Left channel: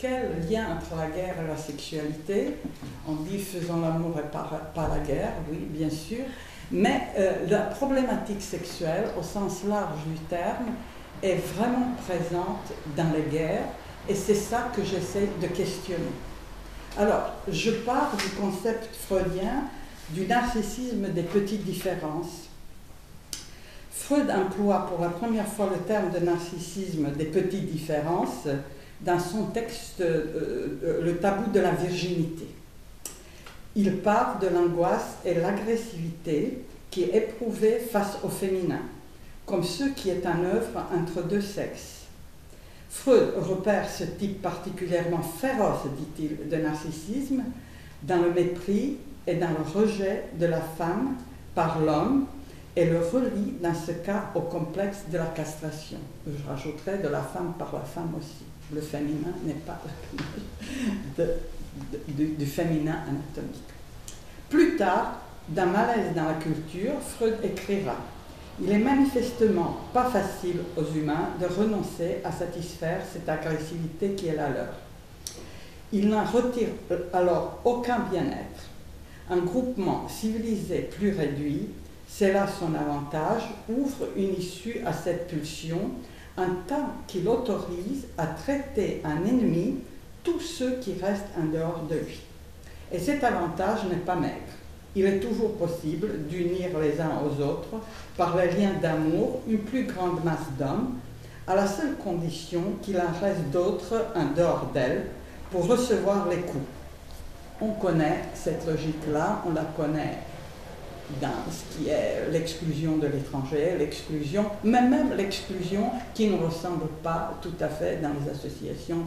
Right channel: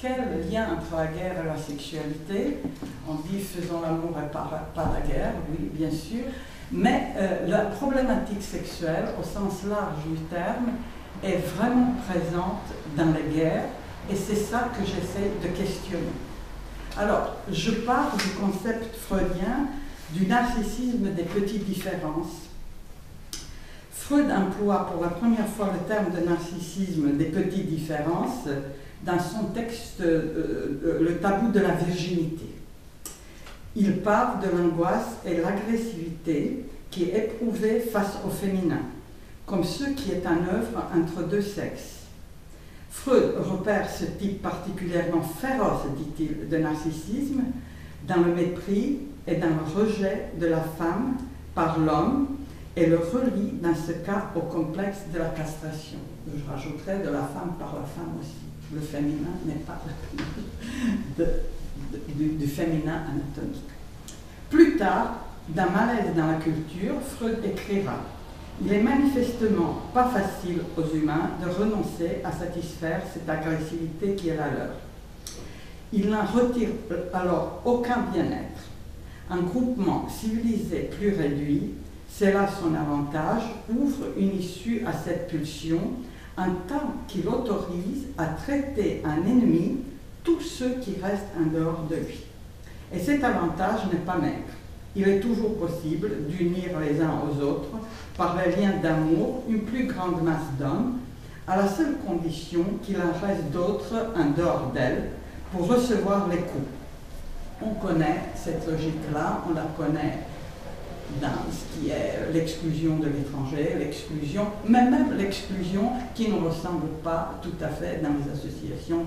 Quel lien entre la guerre et la sexualité? On dit faisons l'amour et pas la guerre, oui, bien sûr. Mais la problématique sexuelle, au sens large du terme, est vraiment présente dans les guerres, et c'est ça que j'essaie de questionner. Alors, je pars du concept freudien du narcissisme des petites différences. Freud emploie pour la première fois le terme de narcissisme des petites différences dans son texte Le tabou de la virginité. Il parle de l'angoisse et l'agressivité qui est éprouvée face au féminin, comme ce qui est en œuvre entre deux sexes. Freud repère ce type particulièrement féroce, dit-il, de narcissisme dans le mépris et dans le rejet de la femme par l'homme et le relie dans ce cas au complexe de la castration. Je rajouterai de la femme par la femme aussi. Le féminin n'est pas du féminin anatomique. Plus tard, dans Malaise dans la culture, Freud écrira « Il est manifestement pas facile aux humains de renoncer à satisfaire cette agressivité qui est la leur. Il n'en retire alors aucun bien-être. Un groupement civilisé plus réduit, c'est là son avantage, ouvre une issue à cette pulsion en tant qu'il autorise à traiter en ennemi tous ceux qui restent en dehors de lui. Et cet avantage n'est pas maigre. Il est toujours possible d'unir les uns aux autres par les liens d'amour une plus grande masse d'hommes, à la seule condition qu'il en reste d'autres en dehors d'elle pour recevoir les coups. On connaît cette logique-là, on la connaît dans ce qui est l'exclusion de l'étranger, l'exclusion, mais même l'exclusion qui ne ressemble pas tout à fait dans les associations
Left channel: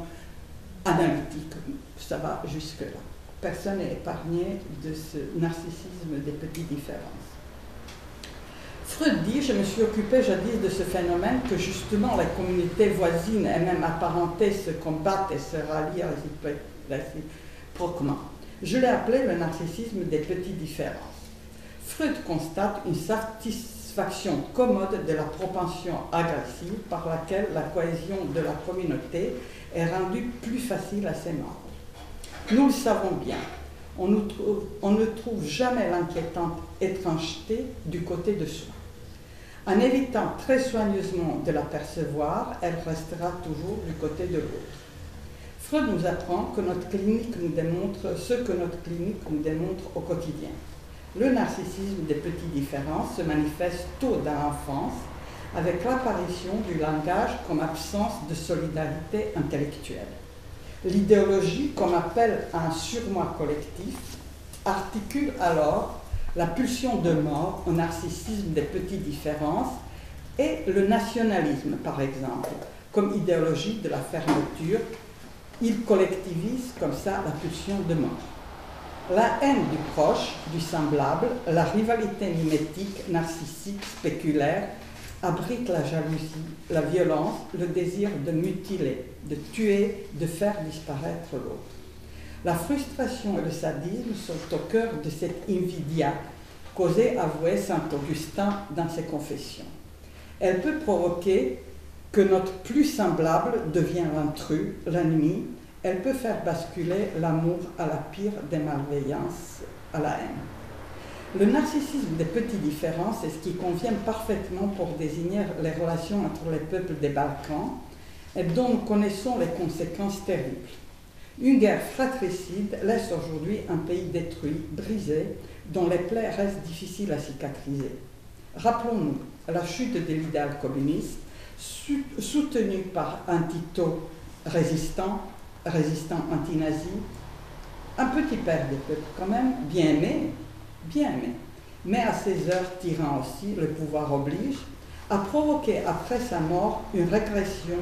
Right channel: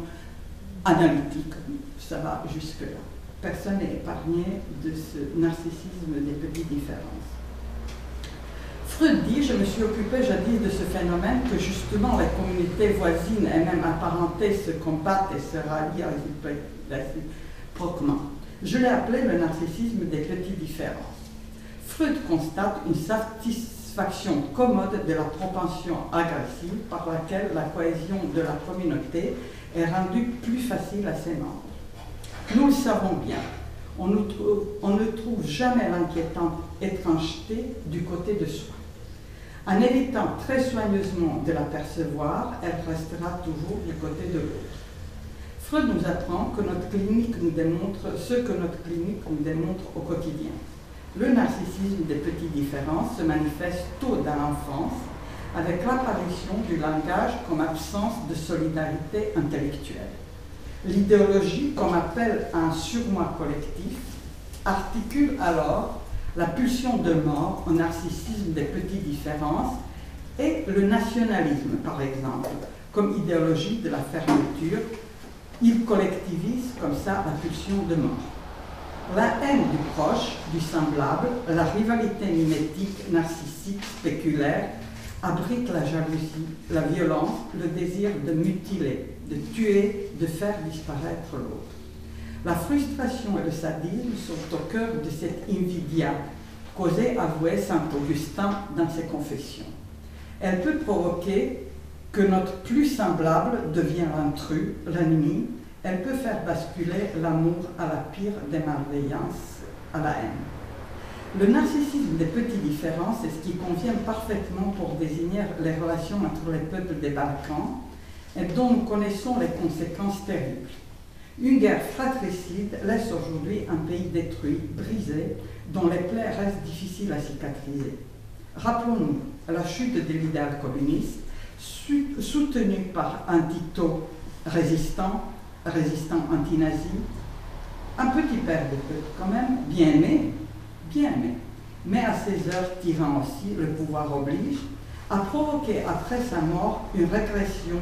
analytiques. Ça va jusque-là. Personne n'est épargné de ce narcissisme des petites différences. Freud dit, je me suis occupé jadis de ce phénomène que justement les communautés voisines et même apparentées se combattent et se rallient réciproquement. Je l'ai appelé le narcissisme des petites différences. Freud constate une satisfaction commode de la propension agressive par laquelle la cohésion de la communauté est rendue plus facile à ses membres. Nous le savons bien, on ne trouve jamais l'inquiétante étrangeté du côté de soi. En évitant très soigneusement de l'apercevoir, elle restera toujours du côté de l'autre. Freud nous apprend que notre clinique nous démontre ce que notre clinique nous démontre au quotidien. Le narcissisme des petites différences se manifeste tôt dans l'enfance avec l'apparition du langage comme absence de solidarité intellectuelle. L'idéologie, qu'on appelle un surmoi collectif, articule alors la pulsion de mort au narcissisme des petites différences et le nationalisme, par exemple, comme idéologie de la fermeture. Il collectivise comme ça la pulsion de mort. La haine du proche, du semblable, la rivalité mimétique, narcissique, spéculaire, abrite la jalousie, la violence, le désir de mutiler, de tuer, de faire disparaître l'autre. La frustration et le sadisme sont au cœur de cette invidia qu'osait avouer saint Augustin dans ses confessions. Elle peut provoquer que notre plus semblable devient l'intrus, l'ennemi. Elle peut faire basculer l'amour à la pire des malveillances, à la haine. Le narcissisme des petites différences est ce qui convient parfaitement pour désigner les relations entre les peuples des Balkans et dont nous connaissons les conséquences terribles. Une guerre fratricide laisse aujourd'hui un pays détruit, brisé, dont les plaies restent difficiles à cicatriser. Rappelons-nous la chute de l'idéal communiste, soutenu par un Tito résistant anti-nazi, un petit père de peuple quand même, bien aimé, mais à ses heures tirant aussi, le pouvoir oblige, a provoqué après sa mort une régression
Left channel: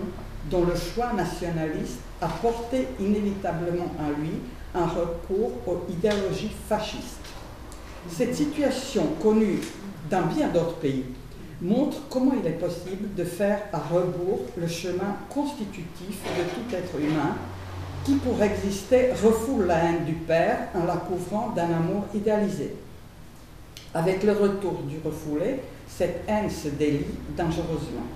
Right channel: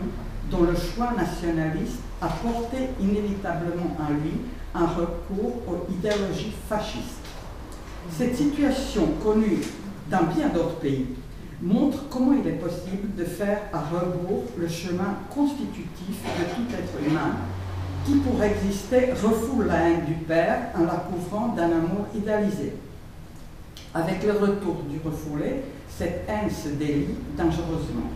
dont le choix nationaliste a porté inévitablement en lui un recours aux idéologies fascistes. Cette situation, connue dans bien d'autres pays, montre comment il est possible de faire à rebours le chemin constitutif de tout être humain qui, pour exister, refoule la haine du père en la couvrant d'un amour idéalisé. Avec le retour du refoulé, cette haine se délie dangereusement.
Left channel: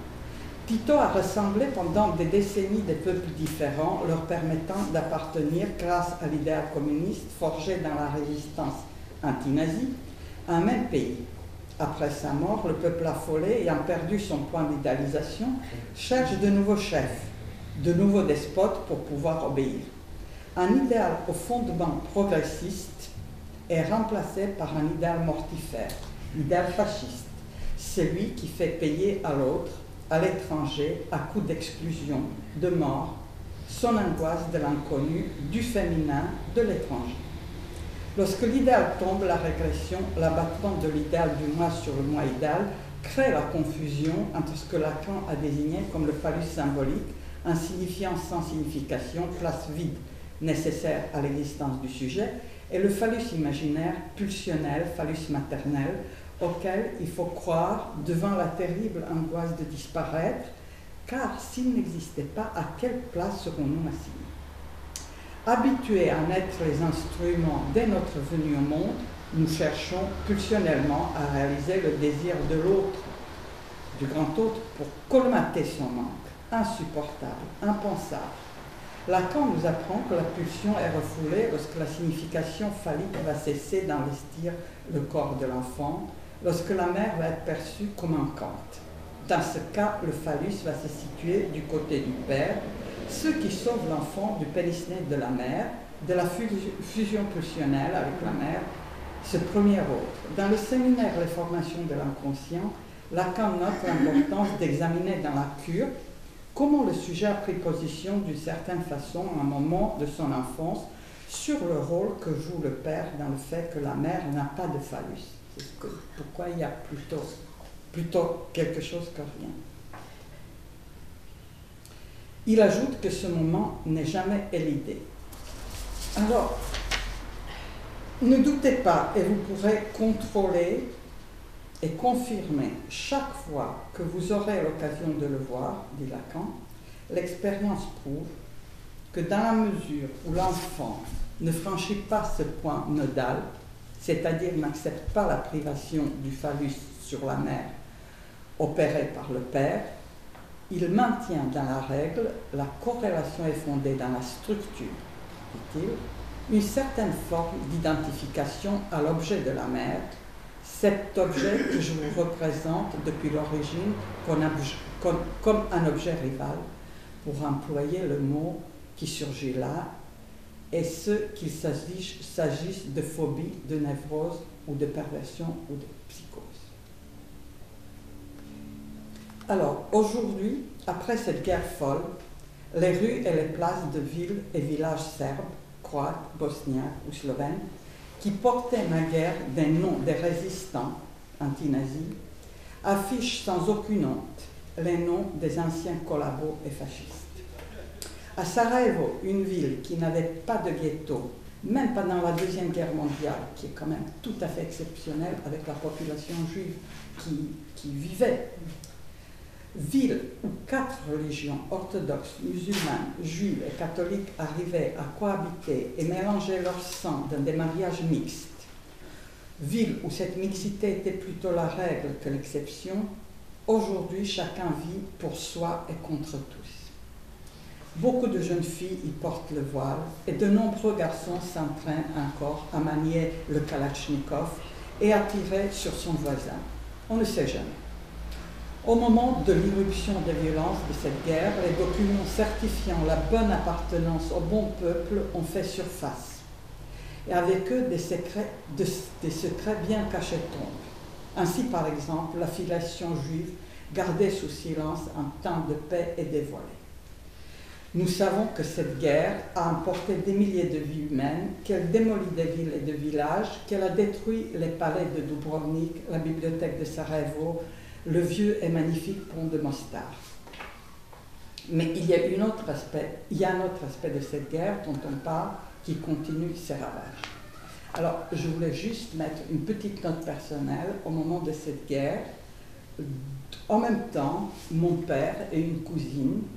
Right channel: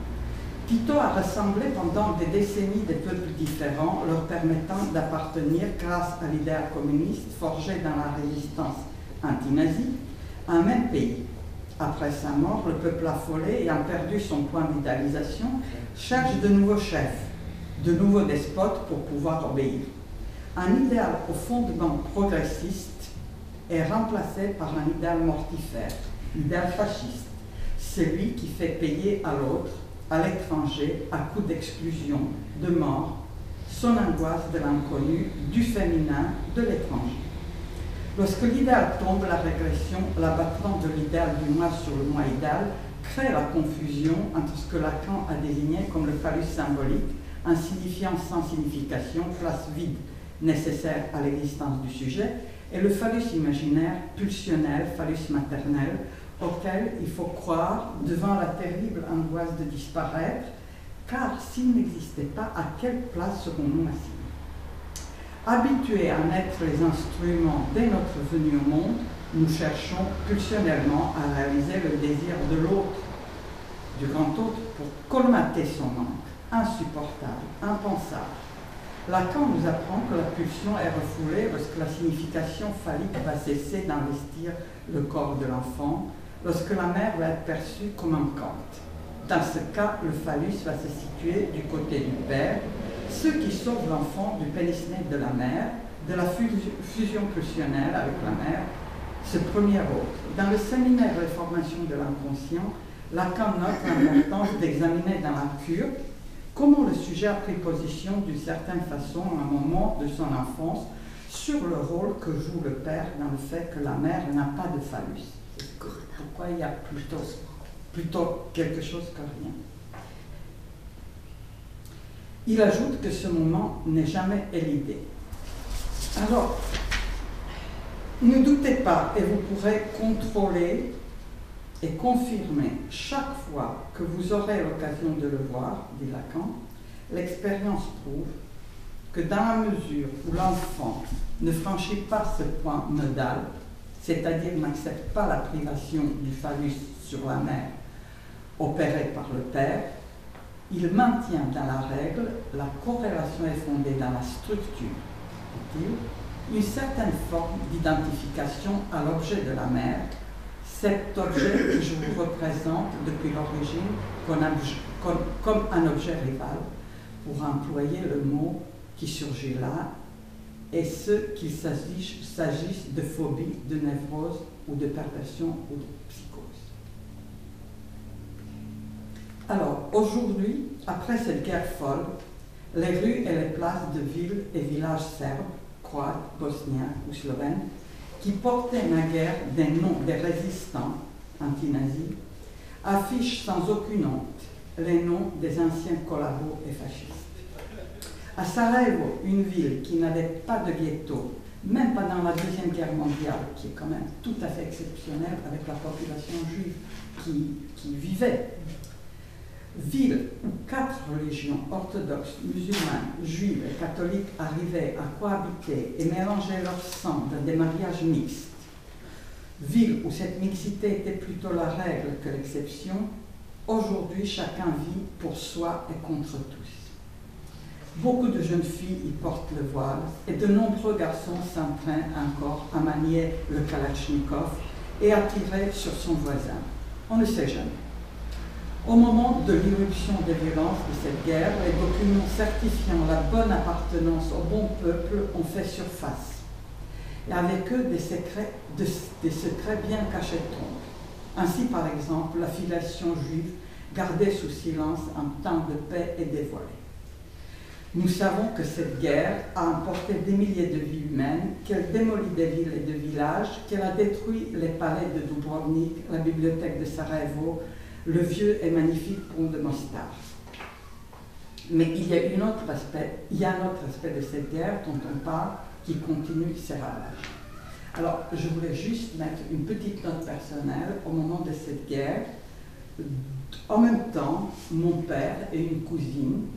Tito a rassemblé pendant des décennies des peuples différents, leur permettant d'appartenir, grâce à l'idéal communiste forgé dans la résistance anti-nazie, à un même pays. Après sa mort, le peuple affolé, ayant perdu son point d'idéalisation, cherche de nouveaux chefs, de nouveaux despotes pour pouvoir obéir. Un idéal au fondement progressiste est remplacé par un idéal mortifère, l'idéal fasciste, celui qui fait payer à l'autre, à l'étranger, à coup d'exclusion, de mort, son angoisse de l'inconnu, du féminin, de l'étranger. Lorsque l'idéal tombe, la régression, l'abattement de l'idéal du moi sur le moi idéal, crée la confusion entre ce que Lacan a désigné comme le phallus symbolique, insignifiant sans signification, place vide nécessaire à l'existence du sujet, et le phallus imaginaire, pulsionnel, phallus maternel, auquel il faut croire devant la terrible angoisse de disparaître, car s'il n'existait pas, à quelle place serons-nous assis? Habitués à mettre les instruments dès notre venue au monde, nous cherchons pulsionnellement à réaliser le désir de l'autre, du grand autre, pour colmater son manque, insupportable, impensable. Lacan nous apprend que la pulsion est refoulée lorsque la signification phallique va cesser d'investir le corps de l'enfant, lorsque la mère va être perçue comme manquante. Dans ce cas, le phallus va se situer du côté du père, ce qui sauve l'enfant du pénisné de la mère, de la fusion pulsionnelle avec la mère, ce premier autre. Dans le séminaire de formation de l'inconscient, Lacan note l'importance d'examiner dans la cure comment le sujet a pris position d'une certaine façon à un moment de son enfance sur le rôle que joue le père dans le fait que la mère n'a pas de phallus. Pourquoi il y a plutôt quelque chose que rien. Il ajoute que ce moment n'est jamais élidé. Alors, ne doutez pas et vous pourrez contrôler et confirmer chaque fois que vous aurez l'occasion de le voir, dit Lacan. L'expérience prouve que dans la mesure où l'enfant ne franchit pas ce point nodal, c'est-à-dire n'accepte pas la privation du phallus sur la mère opérée par le père, il maintient dans la règle, la corrélation est fondée dans la structure, dit-il, une certaine forme d'identification à l'objet de la mère, cet objet que je vous représente depuis l'origine comme un objet rival, pour employer le mot qui surgit là, et ce qu'il s'agisse de phobie, de névrose ou de perversion ou de psychose. Alors, aujourd'hui, après cette guerre folle, les rues et les places de villes et villages serbes, croates, bosniens ou slovènes, qui portaient naguère des noms des résistants anti-nazis, affichent sans aucune honte les noms des anciens collabos et fascistes. À Sarajevo, une ville qui n'avait pas de ghetto, même pendant la Deuxième Guerre mondiale, qui est quand même tout à fait exceptionnelle avec la population juive qui vivait, ville où 4 religions orthodoxes, musulmanes, juives et catholiques arrivaient à cohabiter et mélanger leur sang dans des mariages mixtes, ville où cette mixité était plutôt la règle que l'exception, aujourd'hui chacun vit pour soi et contre tous. Beaucoup de jeunes filles y portent le voile et de nombreux garçons s'entraînent encore à manier le kalachnikov et à tirer sur son voisin. On ne sait jamais. Au moment de l'irruption des violences de cette guerre, les documents certifiant la bonne appartenance au bon peuple ont fait surface. Et avec eux, des secrets bien cachés tombent. Ainsi, par exemple, la filiation juive gardée sous silence en temps de paix est dévoilée. Nous savons que cette guerre a emporté des milliers de vies humaines, qu'elle démolit des villes et de villages, qu'elle a détruit les palais de Dubrovnik, la bibliothèque de Sarajevo, le vieux et magnifique pont de Mostar. Mais il y a un autre aspect de cette guerre dont on parle qui continue ses ravages. Alors, je voulais juste mettre une petite note personnelle au moment de cette guerre. En même temps, mon père et une cousine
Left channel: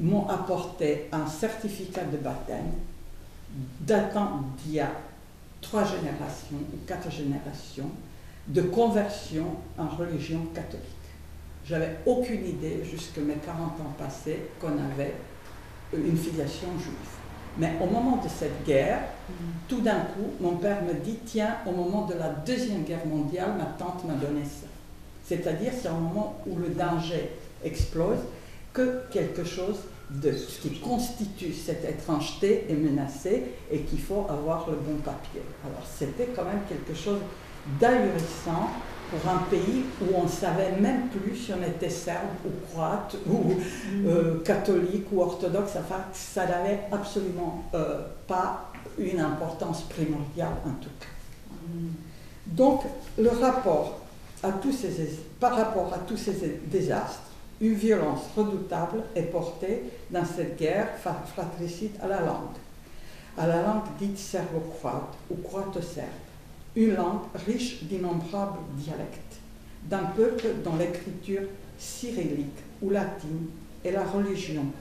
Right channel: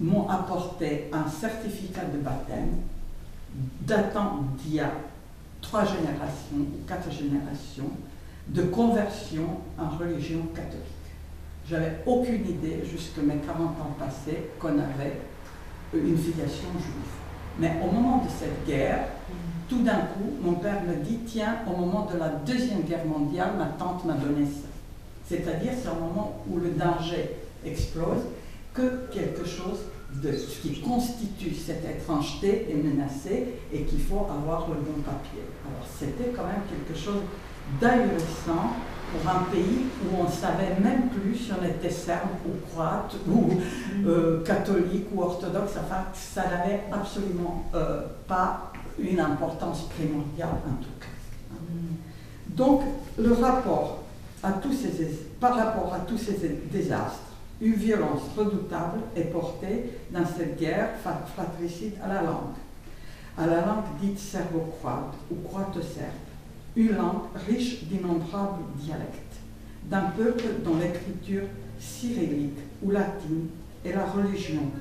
m'ont apporté un certificat de baptême datant d'il y a 3 générations ou 4 générations de conversion en religion catholique. J'avais aucune idée, jusque mes 40 ans passés, qu'on avait une filiation juive. Mais au moment de cette guerre, tout d'un coup, mon père me dit, tiens, au moment de la Deuxième Guerre mondiale, ma tante m'a donné ça. C'est-à-dire, c'est un moment où le danger explose, que quelque chose de ce qui constitue cette étrangeté est menacé et qu'il faut avoir le bon papier. Alors, c'était quand même quelque chose d'ahurissant pour un pays où on ne savait même plus si on était serbe ou croate ou catholique ou orthodoxe. Enfin, ça n'avait absolument pas une importance primordiale en tout cas. Donc, le rapport par rapport à tous ces désastres, une violence redoutable est portée dans cette guerre fratricide à la langue dite serbo-croate ou croate-serbe, une langue riche d'innombrables dialectes, d'un peuple dont l'écriture cyrillique ou latine et la religion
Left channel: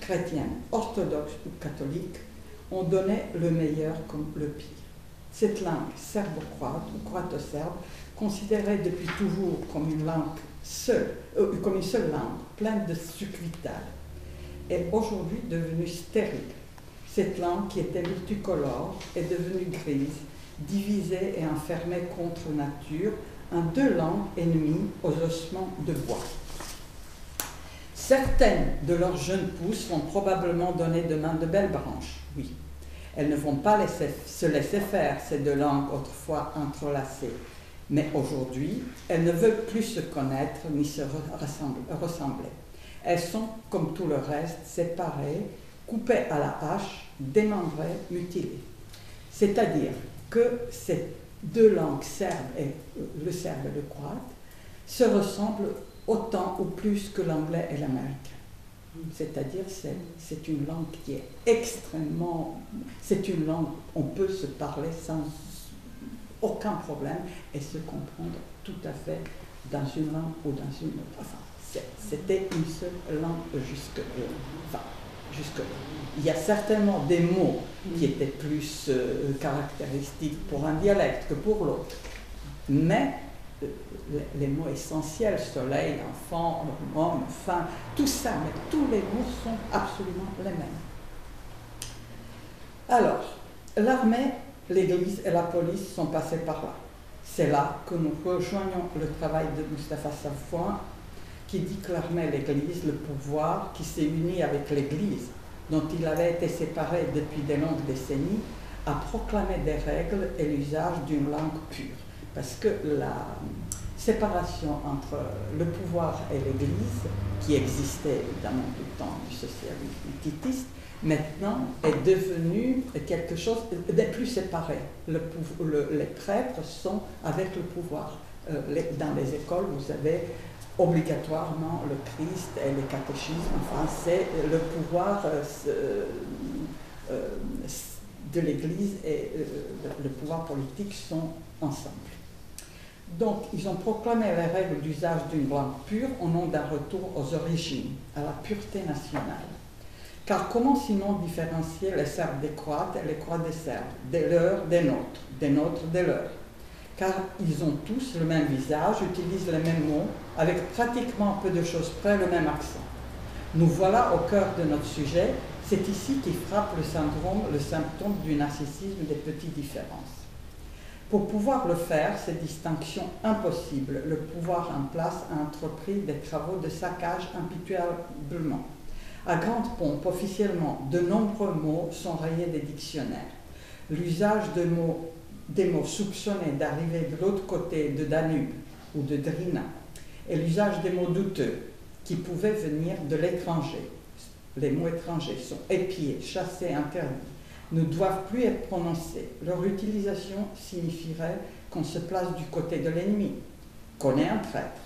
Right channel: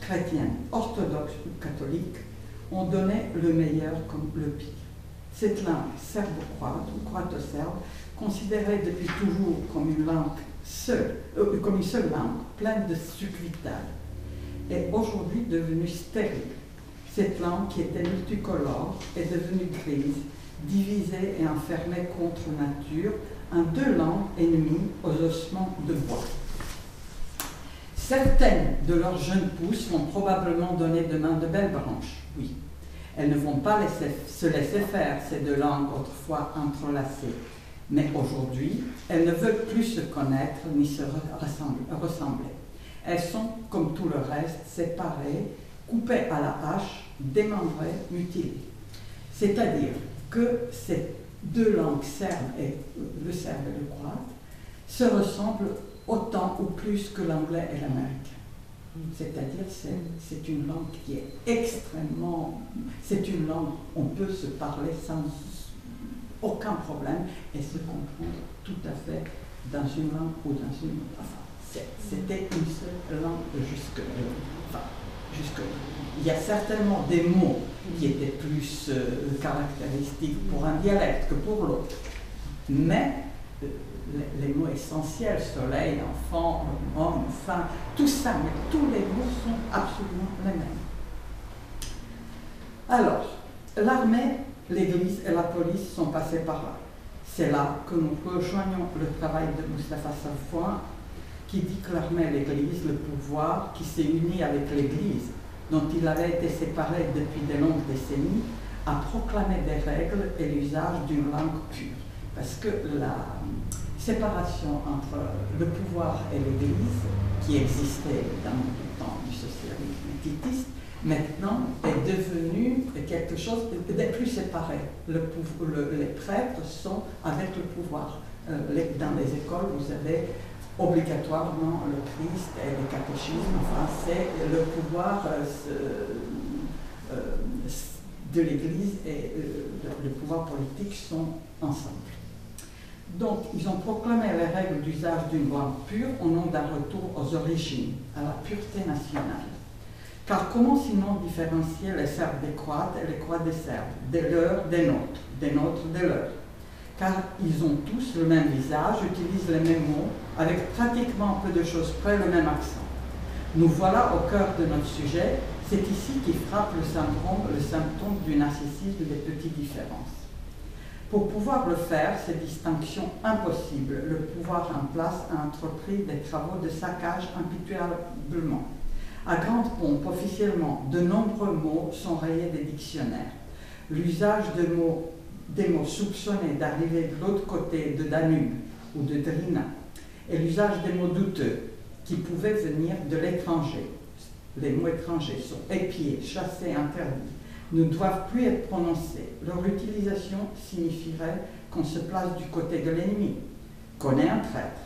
chrétienne, orthodoxe ou catholique ont donné le meilleur comme le pire. Cette langue serbo-croate ou croate-serbe, considérée depuis toujours comme une seule langue, pleine de succuital, est aujourd'hui devenue stérile. Cette langue qui était multicolore est devenue grise, divisée et enfermée contre nature en deux langues ennemies aux ossements de bois. Certaines de leurs jeunes pousses vont probablement donner demain de belles branches, oui. Elles ne vont pas se laisser faire, ces deux langues autrefois entrelacées. Mais aujourd'hui, elles ne veulent plus se connaître ni se ressembler. Elles sont, comme tout le reste, séparées, coupées à la hache, démembrées, mutilées. C'est-à-dire que ces deux langues le serbe et le croate, se ressemblent autant ou plus que l'anglais et l'américain. C'est-à-dire c'est une langue qui est extrêmement... C'est une langue, on peut se parler sans aucun problème et se comprendre tout à fait dans une langue ou dans une autre. Enfin, c'était une seule langue jusque-là. Il y a certainement des mots qui étaient plus caractéristiques pour un dialecte que pour l'autre. Mais les mots essentiels, soleil, enfant, homme, femme, tout ça, tous les mots sont absolument les mêmes. Alors, l'armée, l'Église et la police sont passés par là. C'est là que nous rejoignons le travail de Mustapha Safwan, qui dit que l'armée et l'Église, le pouvoir qui s'est uni avec l'Église, dont il avait été séparé depuis de longues décennies, a proclamé des règles et l'usage d'une langue pure. Parce que la séparation entre le pouvoir et l'Église, qui existait évidemment tout le temps du socialisme titiste, maintenant est devenue quelque chose de plus séparé. Les prêtres sont avec le pouvoir. Dans les écoles, vous avez obligatoirement le Christ et le catéchisme. Enfin, c'est le pouvoir de l'Église et le pouvoir politique sont ensemble. Donc, ils ont proclamé les règles d'usage d'une langue pure au nom d'un retour aux origines, à la pureté nationale. Car comment sinon différencier les Serbes des Croates et les Croates des Serbes, des leurs, des nôtres, des leurs? Car ils ont tous le même visage, utilisent les mêmes mots, avec pratiquement peu de choses près le même accent. Nous voilà au cœur de notre sujet, c'est ici qui frappe le symptôme du narcissisme des petites différences. Pour pouvoir le faire, ces distinctions impossibles, le pouvoir en place a entrepris des travaux de saccage impitoyablement. À grande pompe, officiellement, de nombreux mots sont rayés des dictionnaires. L'usage des mots soupçonnés d'arriver de l'autre côté de Danube ou de Drina, et l'usage des mots douteux qui pouvaient venir de l'étranger. Les mots étrangers sont épiés, chassés, interdits, ne doivent plus être prononcés. Leur utilisation signifierait qu'on se place du côté de l'ennemi, qu'on est un traître.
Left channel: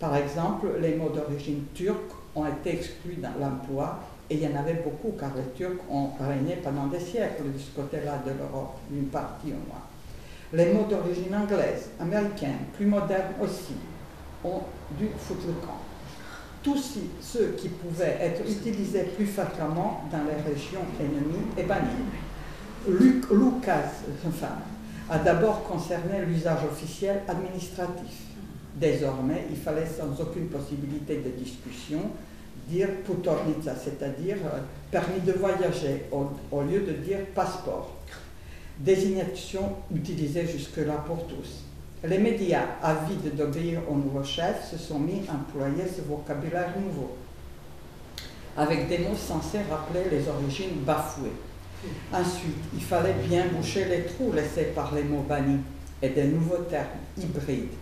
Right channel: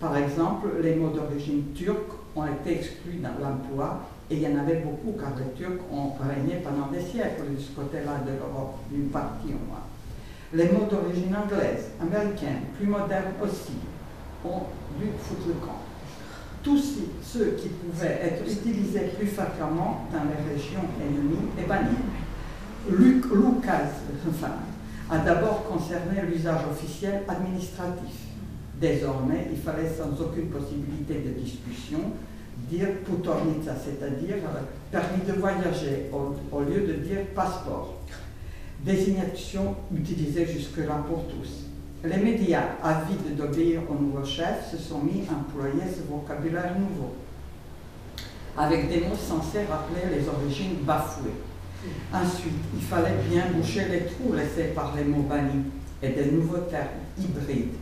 Par exemple, les mots d'origine turque ont été exclus dans l'emploi, et il y en avait beaucoup, car les Turcs ont régné pendant des siècles de ce côté-là de l'Europe, d'une partie au moins. Les mots d'origine anglaise, américaine, plus modernes aussi, ont dû foutre le camp. Tous ceux qui pouvaient être utilisés plus fréquemment dans les régions ennemies et bannis. Lucas a d'abord concerné l'usage officiel administratif. Désormais, il fallait sans aucune possibilité de discussion dire putovnica, c'est-à-dire permis de voyager, au lieu de dire passeport. Désignation utilisée jusque-là pour tous. Les médias, avides d'obéir au nouveau chef, se sont mis à employer ce vocabulaire nouveau, avec des mots censés rappeler les origines bafouées. Ensuite, il fallait bien boucher les trous laissés par les mots bannis et des nouveaux termes hybrides,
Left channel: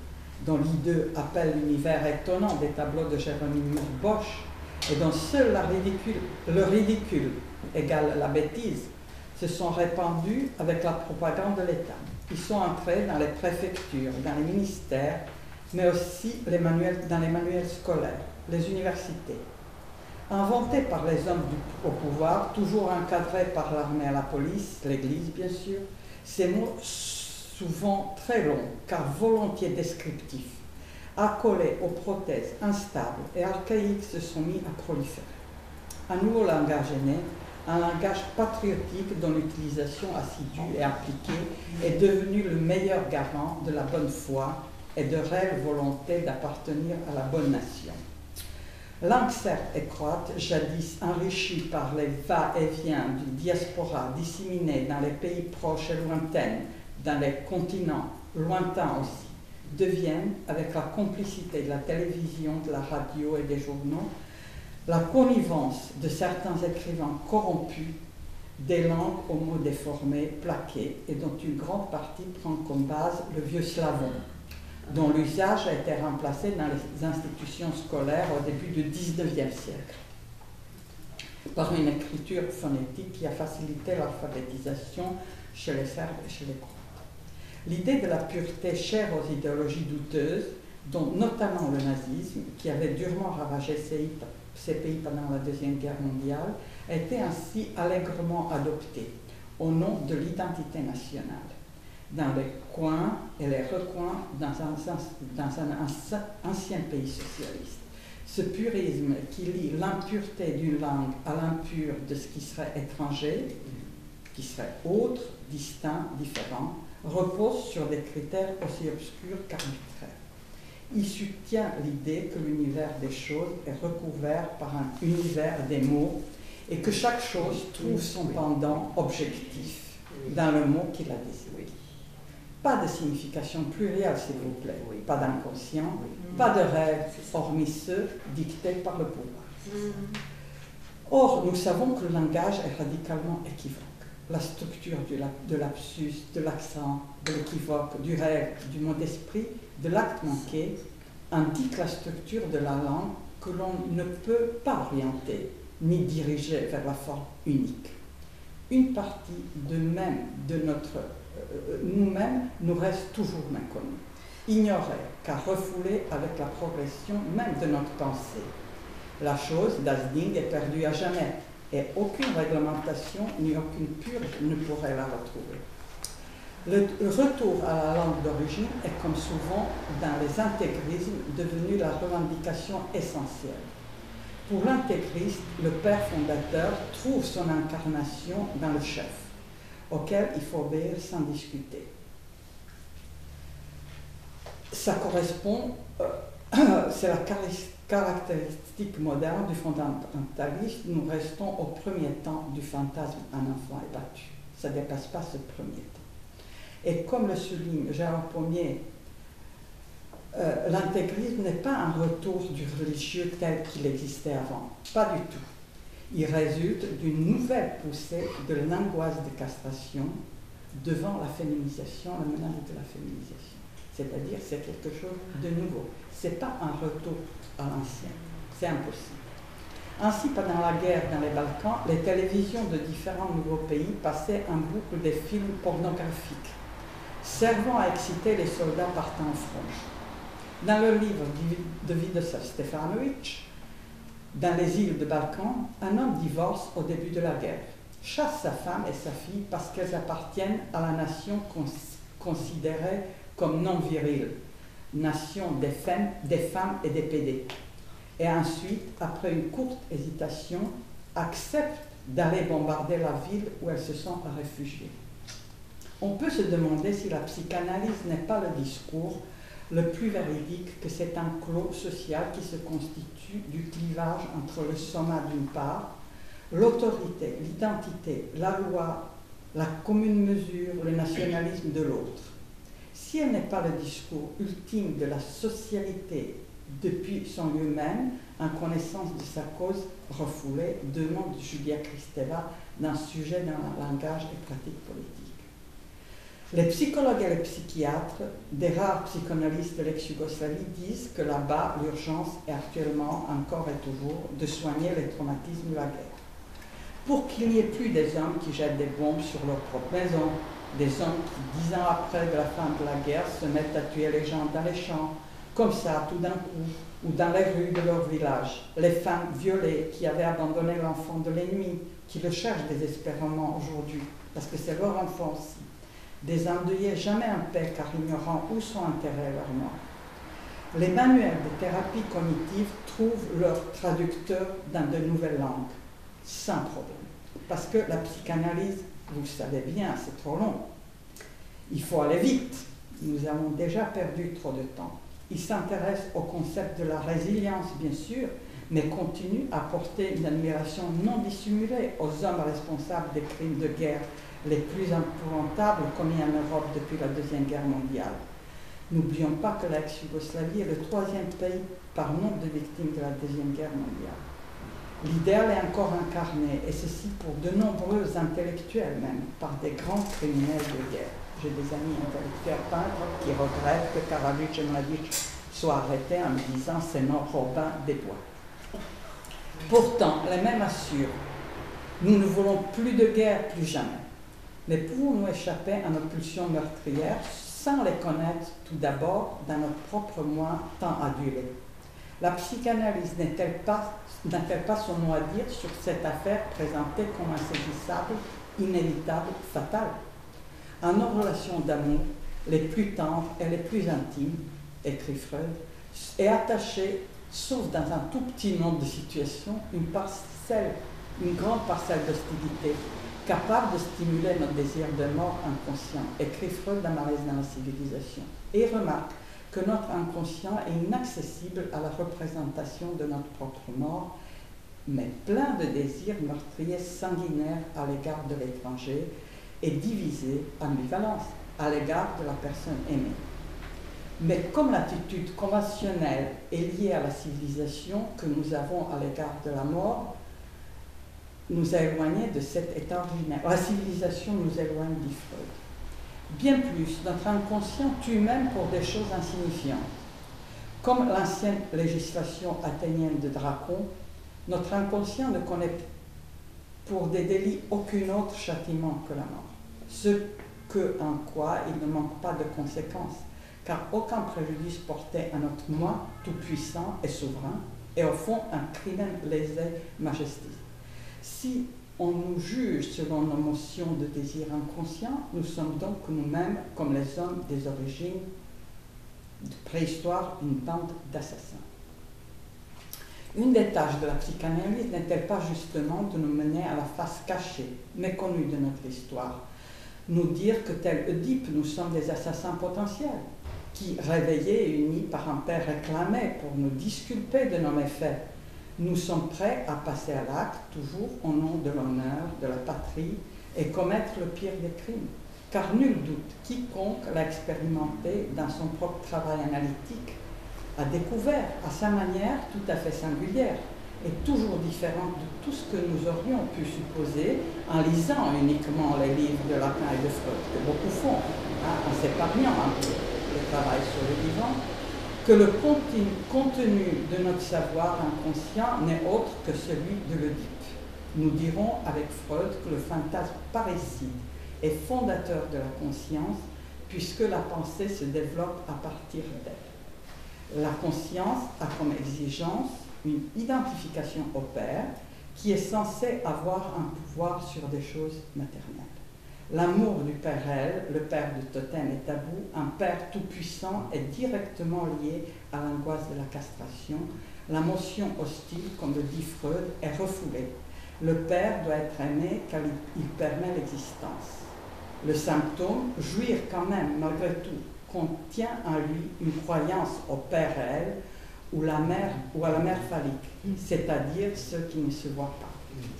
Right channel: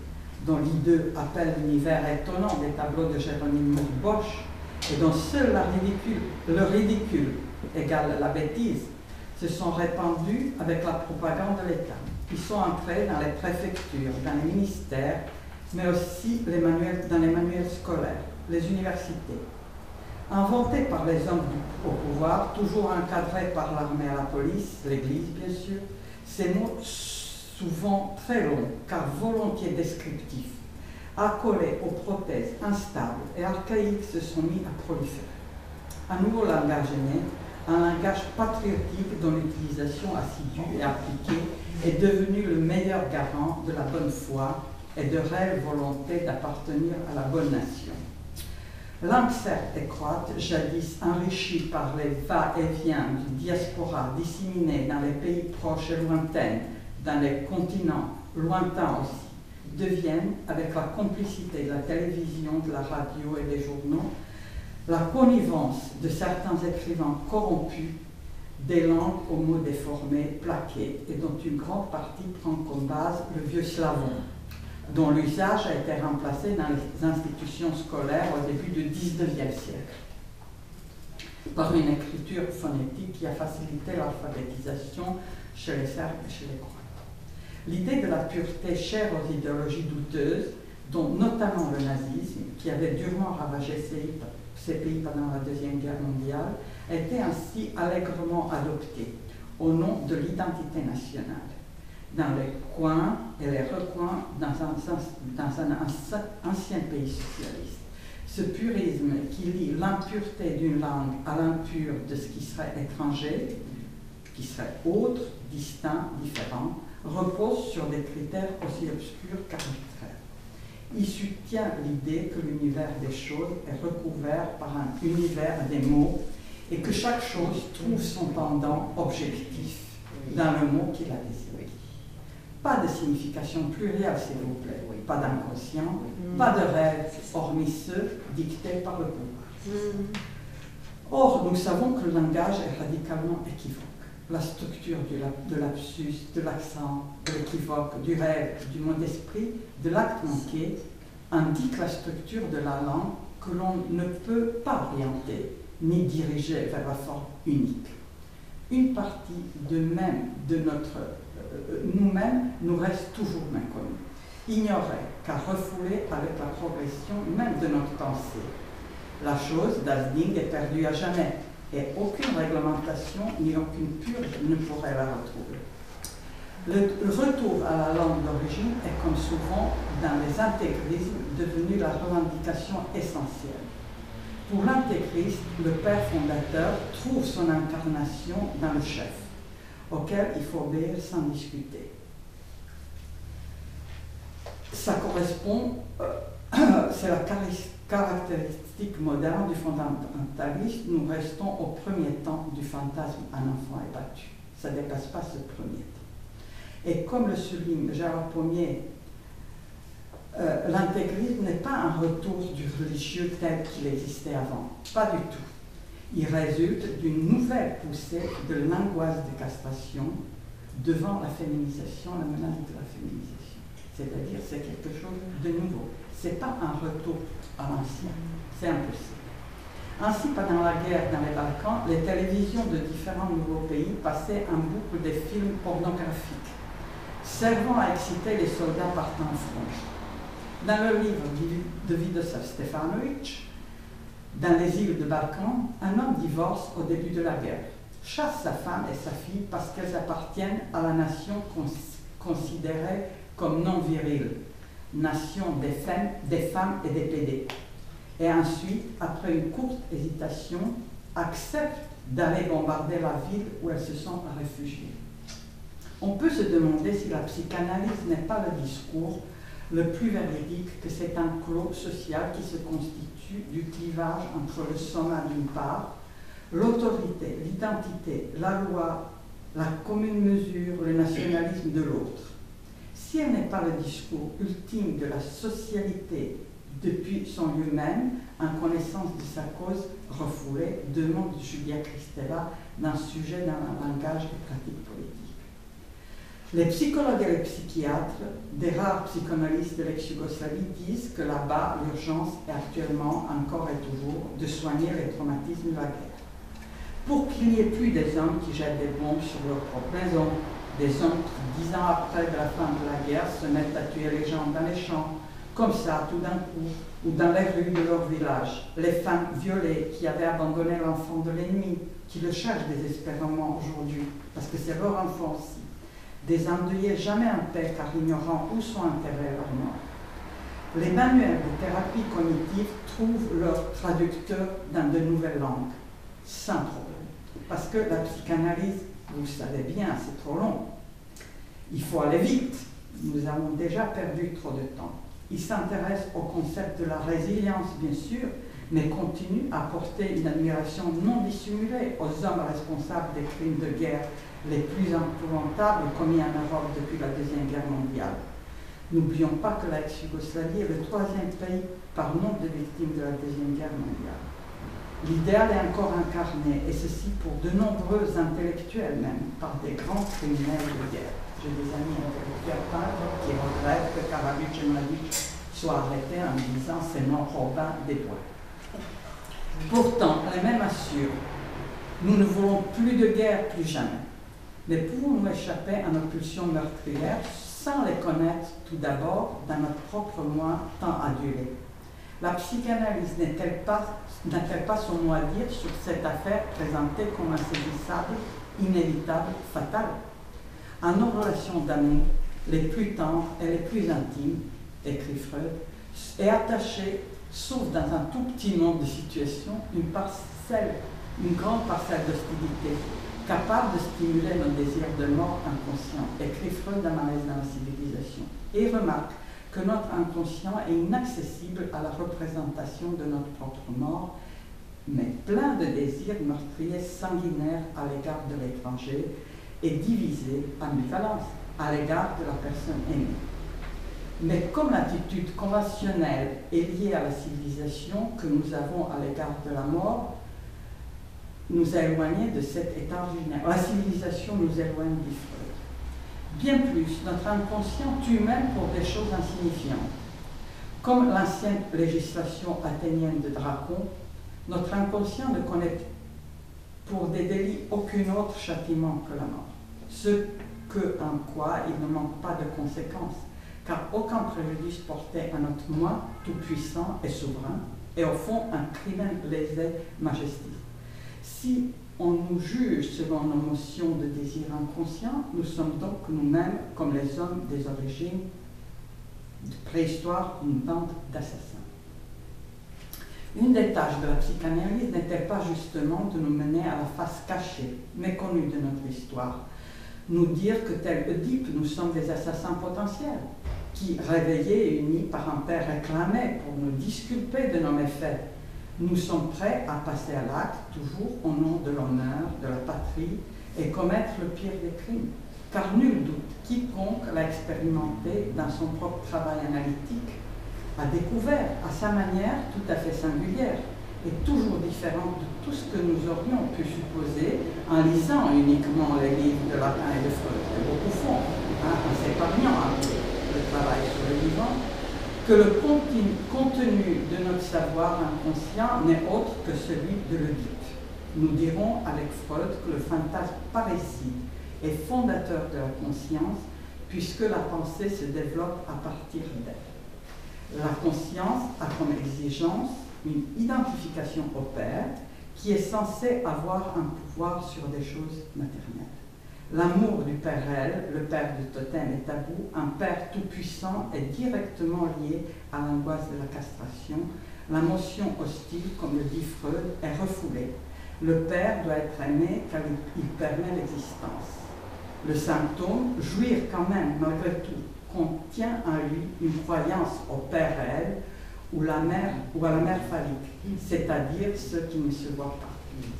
dont l'idée appelle l'univers étonnant des tableaux de Jéronimo Bosch, et dont seul le ridicule égale la bêtise, se sont répandus avec la propagande de l'État. Ils sont entrés dans les préfectures, dans les ministères, mais aussi dans les manuels scolaires, les universités. Inventés par les hommes au pouvoir, toujours encadrés par l'armée et la police, l'Église bien sûr, ces mots souvent très longs, car volontiers descriptifs, accolés aux prothèses instables et archaïques, se sont mis à proliférer. Un nouveau langage est né, un langage patriotique dont l'utilisation assidue et appliquée est devenue le meilleur garant de la bonne foi et de réelle volonté d'appartenir à la bonne nation. Langue certes et croate, jadis enrichie par les va-et-vient du diaspora disséminée dans les pays proches et lointains, dans les continents lointains aussi, deviennent, avec la complicité de la télévision, de la radio et des journaux, la connivence de certains écrivains corrompus, des langues aux mots déformés, plaqués, et dont une grande partie prend comme base le vieux slavon, dont l'usage a été remplacé dans les institutions scolaires au début du XIXe siècle, par une écriture phonétique qui a facilité l'alphabétisation chez les Serbes et chez les Croates. L'idée de la pureté chère aux idéologies douteuses, dont notamment le nazisme, qui avait durement ravagé ces pays pendant la Deuxième Guerre mondiale, a été ainsi allègrement adoptée au nom de l'identité nationale, dans les coins et les recoins dans un ancien pays socialiste. Ce purisme qui lie l'impureté d'une langue à l'impur de ce qui serait étranger, qui serait autre, distinct, différent, repose sur des critères aussi obscurs qu'arbitraires. Il soutient l'idée que l'univers des choses est recouvert par un univers des mots et que chaque chose trouve son pendant objectif dans le mot qui la désigne. Pas de signification plurielle, s'il vous plaît, pas d'inconscient, pas de rêve, hormis ceux dictés par le pouvoir. Or, nous savons que le langage est radicalement équivoque. La structure de l'absus, de l'accent, de l'équivoque, du rêve, du mot d'esprit, de l'acte manqué, indique la structure de la langue que l'on ne peut pas orienter ni diriger vers la forme unique. Une partie de nous-mêmes nous reste toujours inconnue, ignorée car refoulée avec la progression même de notre pensée. La chose, das Ding, est perdue à jamais, et aucune réglementation ni aucune purge ne pourrait la retrouver. Le retour à la langue d'origine est, comme souvent dans les intégrismes, devenu la revendication essentielle. Pour l'intégriste, le père fondateur trouve son incarnation dans le chef, auquel il faut obéir sans discuter. Ça correspond, c'est la caractéristique moderne du fondamentaliste. Nous restons au premier temps du fantasme un enfant est battu. Ça ne dépasse pas ce premier temps. Et comme le souligne Gérard Pommier, l'intégrisme n'est pas un retour du religieux tel qu'il existait avant. Pas du tout. Il résulte d'une nouvelle poussée de l'angoisse de castration devant la féminisation, la menace de la féminisation. C'est-à-dire c'est quelque chose de nouveau. Ce n'est pas un retour à l'ancien. C'est impossible. Ainsi, pendant la guerre dans les Balkans, les télévisions de différents nouveaux pays passaient en boucle des films pornographiques, servant à exciter les soldats partant en front. Dans le livre de Vidoslav Stefanovic, dans les îles de Balkans, un homme divorce au début de la guerre, chasse sa femme et sa fille parce qu'elles appartiennent à la nation considérée comme non virile, nation des femmes et des pédés. Et ensuite, après une courte hésitation, accepte d'aller bombarder la ville où elles se sont réfugiées. On peut se demander si la psychanalyse n'est pas le discours le plus véridique que c'est un clos social qui se constitue du clivage entre le soma d'une part, l'autorité, l'identité, la loi, la commune mesure, le nationalisme de l'autre. Si elle n'est pas le discours ultime de la socialité depuis son lieu même, en connaissance de sa cause refoulée, deux noms de Julia Kristeva d'un sujet dans un langage des pratiques politiques. Les psychologues et les psychiatres, des rares psychanalystes de l'ex-Yougoslavie, disent que là-bas, l'urgence est actuellement, encore et toujours, de soigner les traumatismes de la guerre. Pour qu'il n'y ait plus des hommes qui jettent des bombes sur leur propre maison, des hommes qui, 10 ans après la fin de la guerre, se mettent à tuer les gens dans les champs, comme ça, tout d'un coup, ou dans les rues de leur village, les femmes violées qui avaient abandonné l'enfant de l'ennemi, qui le cherchent désespérément aujourd'hui, parce que c'est leur enfant aussi. Des endeuillés jamais en paix car ignorant où sont enterrés leurs morts. Les manuels de thérapie cognitive trouvent leur traducteur dans de nouvelles langues, sans problème. Parce que la psychanalyse, vous savez bien, c'est trop long. Il faut aller vite. Nous avons déjà perdu trop de temps. Il s'intéresse au concept de la résilience, bien sûr, mais continue à porter une admiration non dissimulée aux hommes responsables des crimes de guerre les plus épouvantables commis en Europe depuis la Deuxième Guerre mondiale. N'oublions pas que l'ex-Yougoslavie est le 3e pays par nombre de victimes de la Deuxième Guerre mondiale. L'idéal est encore incarné, et ceci pour de nombreux intellectuels même, par des grands criminels de guerre. J'ai des amis intellectuels qui regrettent que Karadzic et Mladic soient arrêtés en disant « c'est non Robin des Bois ». Pourtant, les mêmes assurent « nous ne voulons plus de guerre, plus jamais ». Mais pouvons-nous échapper à nos pulsions meurtrières sans les connaître tout d'abord dans notre propre moi tant adulé? La psychanalyse n'a-t-elle pas son mot à dire sur cette affaire présentée comme insaisissable, inévitable, fatale? En nos relations d'amour, les plus tendres et les plus intimes, écrit Freud, est attachée, sauf dans un tout petit nombre de situations, une grande parcelle d'hostilité, capable de stimuler notre désir de mort inconscient, écrit Freud dans Malaise dans la civilisation. Et remarque que notre inconscient est inaccessible à la représentation de notre propre mort, mais plein de désirs meurtriers sanguinaires à l'égard de l'étranger et divisé ambivalence à l'égard de la personne aimée. Mais comme l'attitude conventionnelle est liée à la civilisation que nous avons à l'égard de la mort, nous a éloignés de cet état ordinaire. La civilisation nous éloigne du Freud. Bien plus, notre inconscient tue même pour des choses insignifiantes. Comme l'ancienne législation athénienne de Dracon, notre inconscient ne connaît pour des délits aucun autre châtiment que la mort. Ce que, en quoi, il ne manque pas de conséquences, car aucun préjudice porté à notre moi tout-puissant et souverain est au fond un crimen lésé majesté. Si on nous juge selon nos notions de désir inconscient, nous sommes donc nous-mêmes, comme les hommes des origines de préhistoire, une bande d'assassins. Une des tâches de la psychanalyse n'est-elle pas justement de nous mener à la face cachée, méconnue de notre histoire, nous dire que tel Oedipe, nous sommes des assassins potentiels, qui, réveillés et unis par un père réclamé pour nous disculper de nos méfaits, nous sommes prêts à passer à l'acte, toujours au nom de l'honneur, de la patrie, et commettre le pire des crimes. Car nul doute, quiconque l'a expérimenté dans son propre travail analytique a découvert à sa manière tout à fait singulière et toujours différente de tout ce que nous aurions pu supposer en lisant uniquement les livres de Lacan et de Freud, que beaucoup font, en s'épargnant le travail sur le vivant, que le contenu de notre savoir inconscient n'est autre que celui de l'Oedipe. Nous dirons avec Freud que le fantasme parricide est fondateur de la conscience, puisque la pensée se développe à partir d'elle. La conscience a comme exigence une identification au père qui est censé avoir un pouvoir sur des choses maternelles. L'amour du père réel, le père du totem et tabou, un père tout-puissant est directement lié à l'angoisse de la castration. La motion hostile, comme le dit Freud, est refoulée. Le père doit être aimé car il permet l'existence. Le symptôme, jouir quand même, malgré tout, contient en lui une croyance au père réel ou à la mère phallique, c'est-à-dire ceux qui ne se voient pas.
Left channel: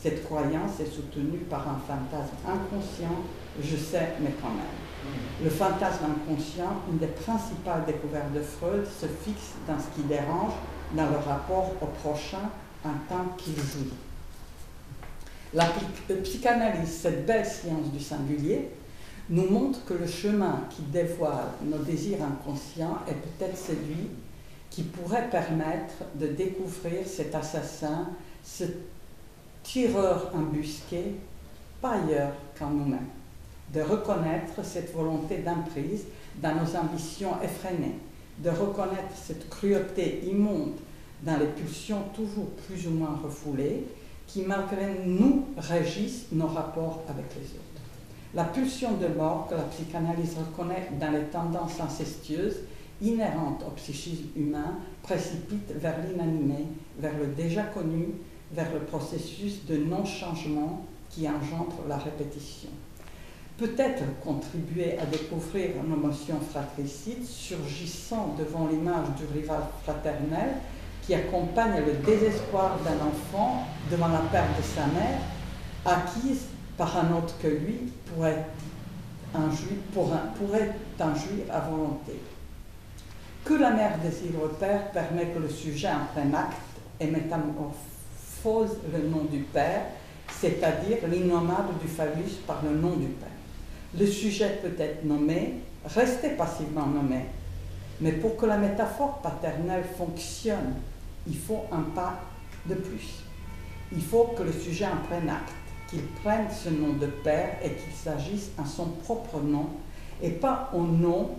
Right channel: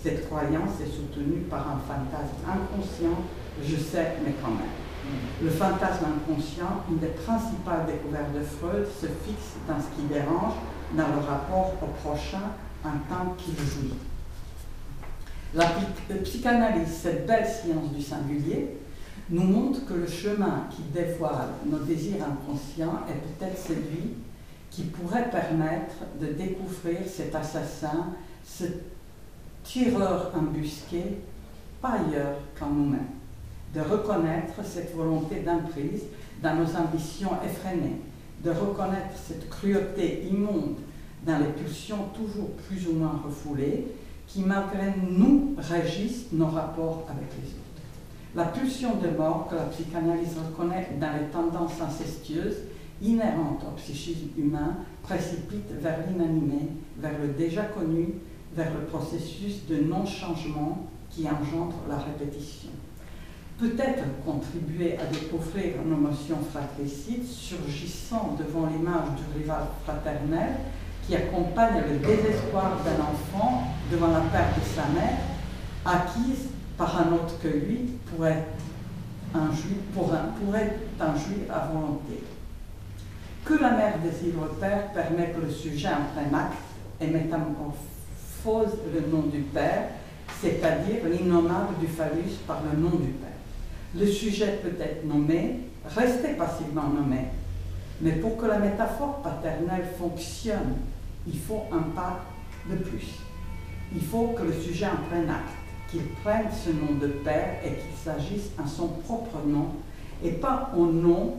Cette croyance est soutenue par un fantasme inconscient, je sais, mais quand même. Le fantasme inconscient, une des principales découvertes de Freud, se fixe dans ce qui dérange, dans le rapport au prochain, en tant qu'il jouit. La psychanalyse, cette belle science du singulier, nous montre que le chemin qui dévoile nos désirs inconscients est peut-être celui qui pourrait permettre de découvrir cet assassin, ce tireur embusqué, pas ailleurs qu'en nous-mêmes, de reconnaître cette volonté d'emprise dans nos ambitions effrénées, de reconnaître cette cruauté immonde dans les pulsions toujours plus ou moins refoulées qui, malgré nous, régissent nos rapports avec les autres. La pulsion de mort que la psychanalyse reconnaît dans les tendances incestueuses inhérentes au psychisme humain précipite vers l'inanimé, vers le déjà connu, vers le processus de non-changement qui engendre la répétition. Peut-être contribuer à découvrir nos notions fratricides surgissant devant l'image du rival fraternel qui accompagne le désespoir d'un enfant devant la perte de sa mère, acquise par un autre que lui pourrait en jouir à volonté. Que la mère désire le père permet que le sujet en plein acte et métamorphose le nom du père, c'est-à-dire l'innommable du phallus par le nom du père. Le sujet peut être nommé, rester passivement nommé, mais pour que la métaphore paternelle fonctionne, il faut un pas de plus. Il faut que le sujet en prenne acte, qu'il prenne ce nom de père et qu'il s'agisse en son propre nom et pas au nom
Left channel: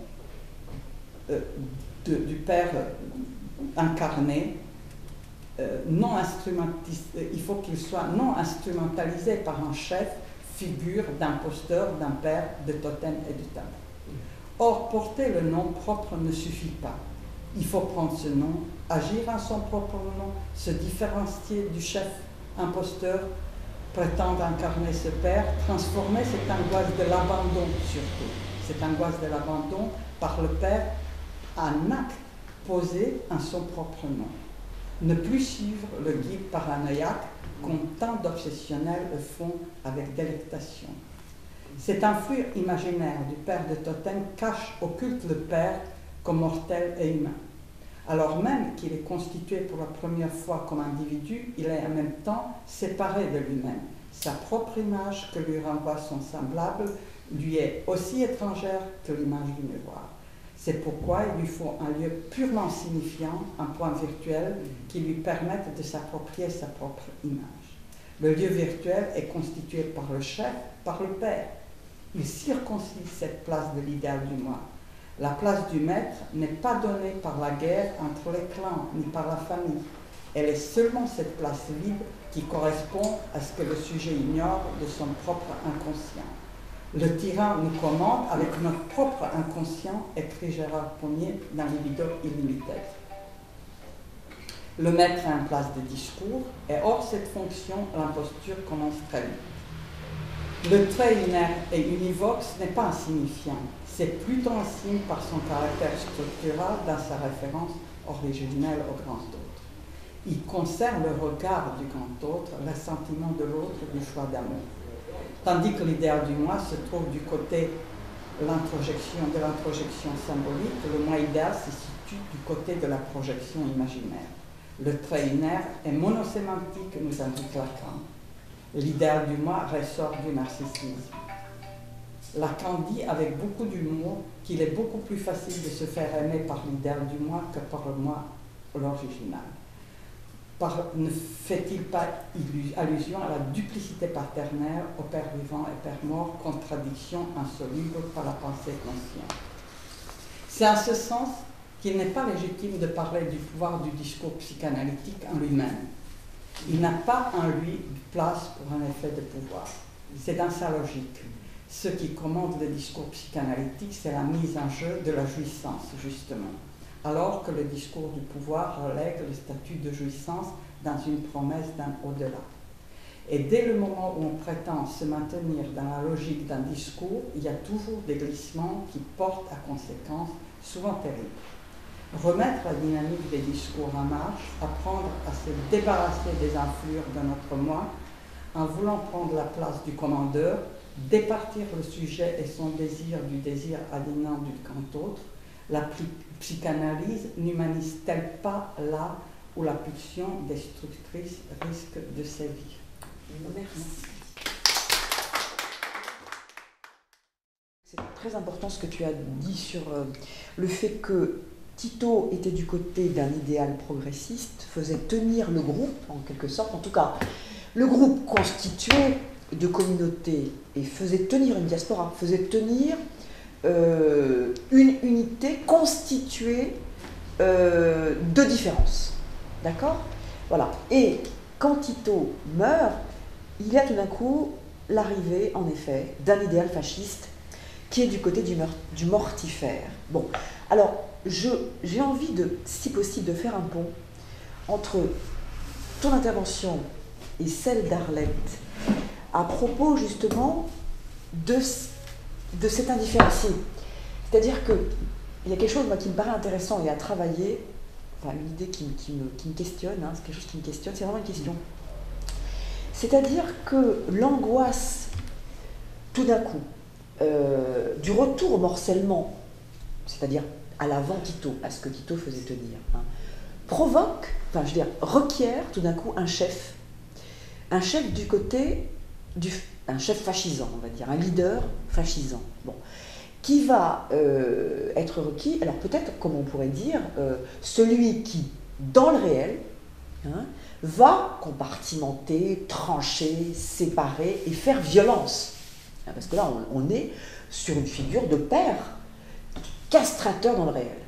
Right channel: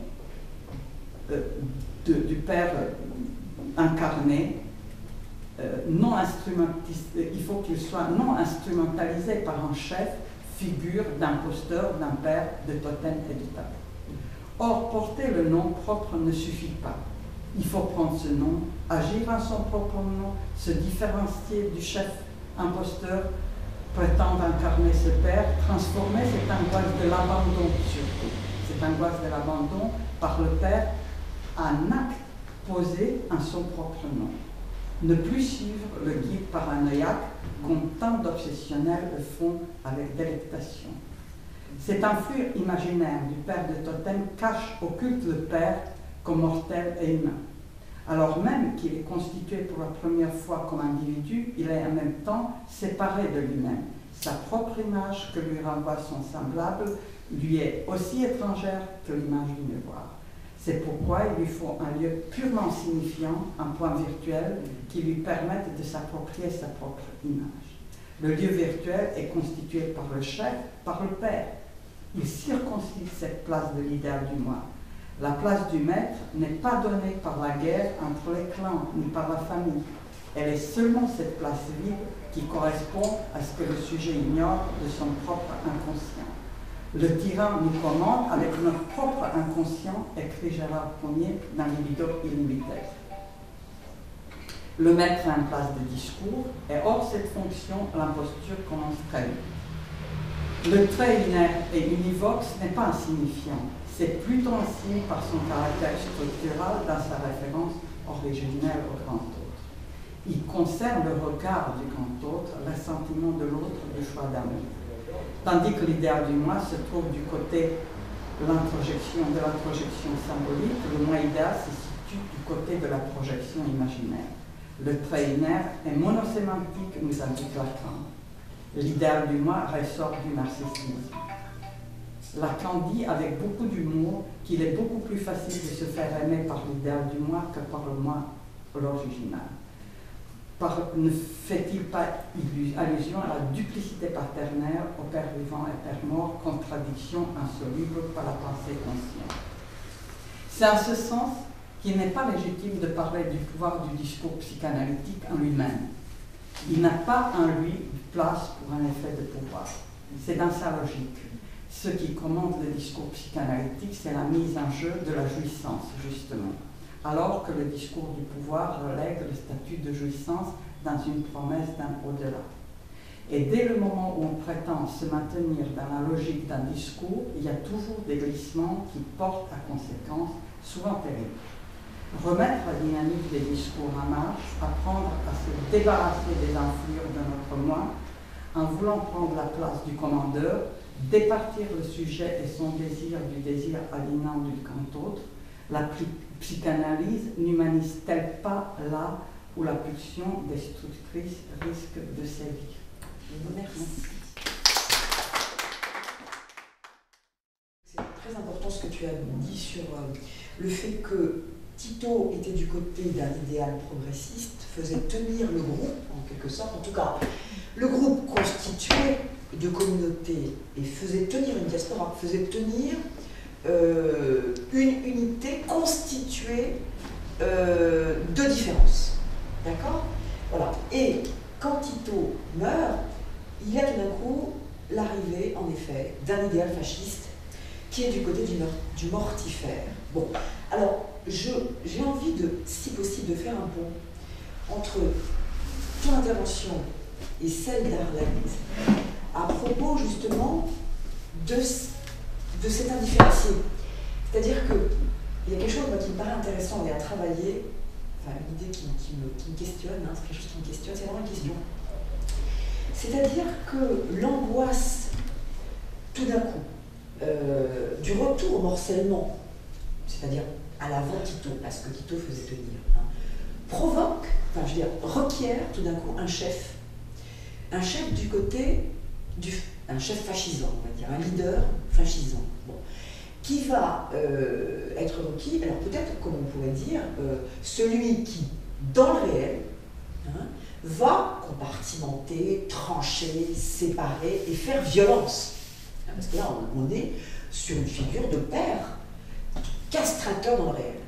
du père incarné, il faut qu'il soit non instrumentalisé par un chef, figure d'imposteur, d'un père, de totem et de tabou. Or, porter le nom propre ne suffit pas. Il faut prendre ce nom, agir en son propre nom, se différencier du chef imposteur, prétendre incarner ce père, transformer cette angoisse de l'abandon surtout, cette angoisse de l'abandon par le père en acte posé en son propre nom. Ne plus suivre le guide paranoïaque comme tant d'obsessionnels le font avec délectation. Cet enflure imaginaire du père de totem occulte le père comme mortel et humain. Alors même qu'il est constitué pour la première fois comme individu, il est en même temps séparé de lui-même. Sa propre image que lui renvoie son semblable lui est aussi étrangère que l'image du miroir. C'est pourquoi il lui faut un lieu purement signifiant, un point virtuel, qui lui permette de s'approprier sa propre image. Le lieu virtuel est constitué par le chef, par le père. Il circoncise cette place de l'idéal du moi. La place du maître n'est pas donnée par la guerre entre les clans, ni par la famille. Elle est seulement cette place libre qui correspond à ce que le sujet ignore de son propre inconscient. Le tyran nous commande avec notre propre inconscient, écrit Gérard Pommier dans Libido Immilitaire. Le maître a une place de discours, et hors cette fonction, l'imposture commence très vite. Le trait binaire et univoque n'est pas insignifiant, c'est plutôt un signe par son caractère structural dans sa référence originelle au grand autre. Il concerne le regard du grand autre, le sentiment de l'autre, le choix d'amour. Tandis que l'idéal du moi se trouve du côté de l'introjection symbolique, le moi idéal se situe du côté de la projection imaginaire. Le trait binaire est monosémantique, nous indique Lacan. L'idéal du moi ressort du narcissisme. Lacan dit avec beaucoup d'humour qu'il est beaucoup plus facile de se faire aimer par l'idéal du moi que par le moi l'original. Ne fait-il pas allusion à la duplicité paternelle au père vivant et père mort, contradiction insoluble par la pensée consciente? C'est en ce sens qu'il n'est pas légitime de parler du pouvoir du discours psychanalytique en lui-même. Il n'a pas en lui place pour un effet de pouvoir. C'est dans sa logique. Ce qui commande le discours psychanalytique, c'est la mise en jeu de la jouissance, justement, alors que le discours du pouvoir relègue le statut de jouissance dans une promesse d'un au-delà. Et dès le moment où on prétend se maintenir dans la logique d'un discours, il y a toujours des glissements qui portent à conséquence souvent terrible. Remettre la dynamique des discours en marche, apprendre à se débarrasser des enflures de notre moi, en voulant prendre la place du commandeur, départir le sujet et son désir du désir aliénant du quant autre. La psychanalyse n'humanise-t-elle pas là où la pulsion destructrice risque de sévir? Merci. C'est très important ce que tu as dit sur le fait que Tito était du côté d'un idéal progressiste, faisait tenir le groupe, en quelque sorte, en tout cas, le groupe constitué de communautés et faisait tenir une diaspora, faisait tenir une unité constituée de différences. D'accord? Voilà. Et quand Tito meurt, il y a tout d'un coup l'arrivée, en effet, d'un idéal fasciste qui est du côté du mortifère. Bon, alors, j'ai envie, si possible, de faire un pont entre ton intervention et celle d'Arlette à propos, justement, de cet indifférencié. C'est-à-dire qu'il y a quelque chose moi, qui me paraît intéressant et à travailler, enfin, une idée qui me questionne, hein, c'est quelque chose qui me questionne, c'est vraiment une question. C'est-à-dire que l'angoisse, tout d'un coup, du retour au morcellement, c'est-à-dire à l'avant Tito, à ce que Tito faisait tenir, hein, provoque, enfin je veux dire, requiert tout d'un coup un chef du côté, un chef fascisant, on va dire, un leader fascisant, bon, qui va être requis, alors peut-être, comme on pourrait dire, celui qui, dans le réel, hein, va compartimenter, trancher, séparer et faire violence. Parce que là, on est sur une figure de père castrateur dans le réel.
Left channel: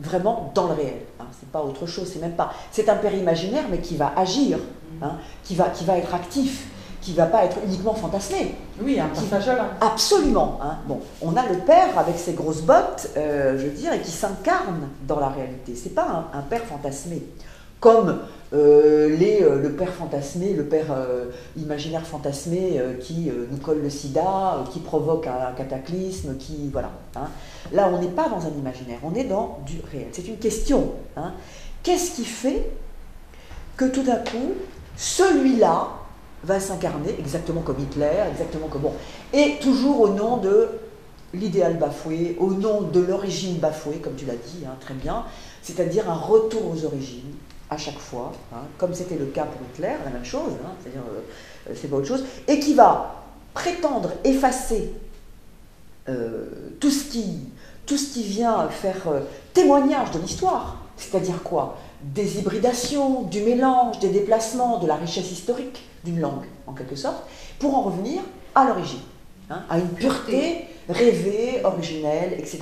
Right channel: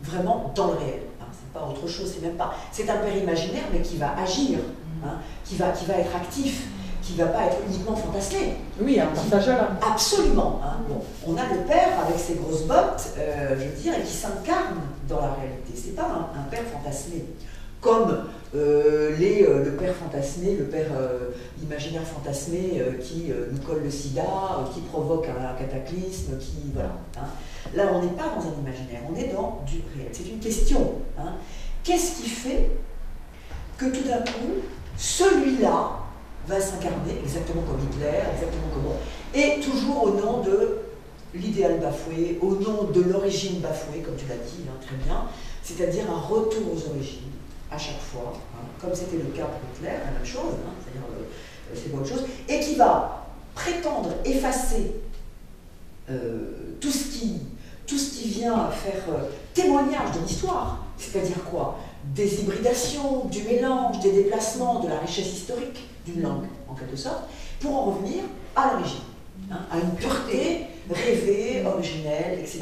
Vraiment dans le réel. Hein. C'est pas autre chose, c'est même pas. C'est un père imaginaire, mais qui va agir, hein, qui va être actif, qui va pas être uniquement fantasmé. Oui, un partageur. Absolument. Hein. Bon, on a le père avec ses grosses bottes, je veux dire, et qui s'incarne dans la réalité. C'est pas un père fantasmé. Comme le père fantasmé, le père imaginaire fantasmé qui nous colle le sida, qui provoque un cataclysme, qui voilà. Hein. Là, on n'est pas dans un imaginaire, on est dans du réel. C'est une question. Hein. Qu'est-ce qui fait que tout d'un coup, celui-là va s'incarner exactement comme Hitler, exactement comme bon, et toujours au nom de l'idéal bafoué, au nom de l'origine bafouée, comme tu l'as dit, hein, très bien, c'est-à-dire un retour aux origines. À chaque fois, hein, comme c'était le cas pour Hitler, la même chose, hein, c'est-à-dire c'est pas autre chose, et qui va prétendre effacer tout ce qui vient faire témoignage de l'histoire, c'est-à-dire quoi? Des hybridations, du mélange, des déplacements, de la richesse historique d'une langue, en quelque sorte, pour en revenir à l'origine, hein, à une pureté rêvée, originelle, etc.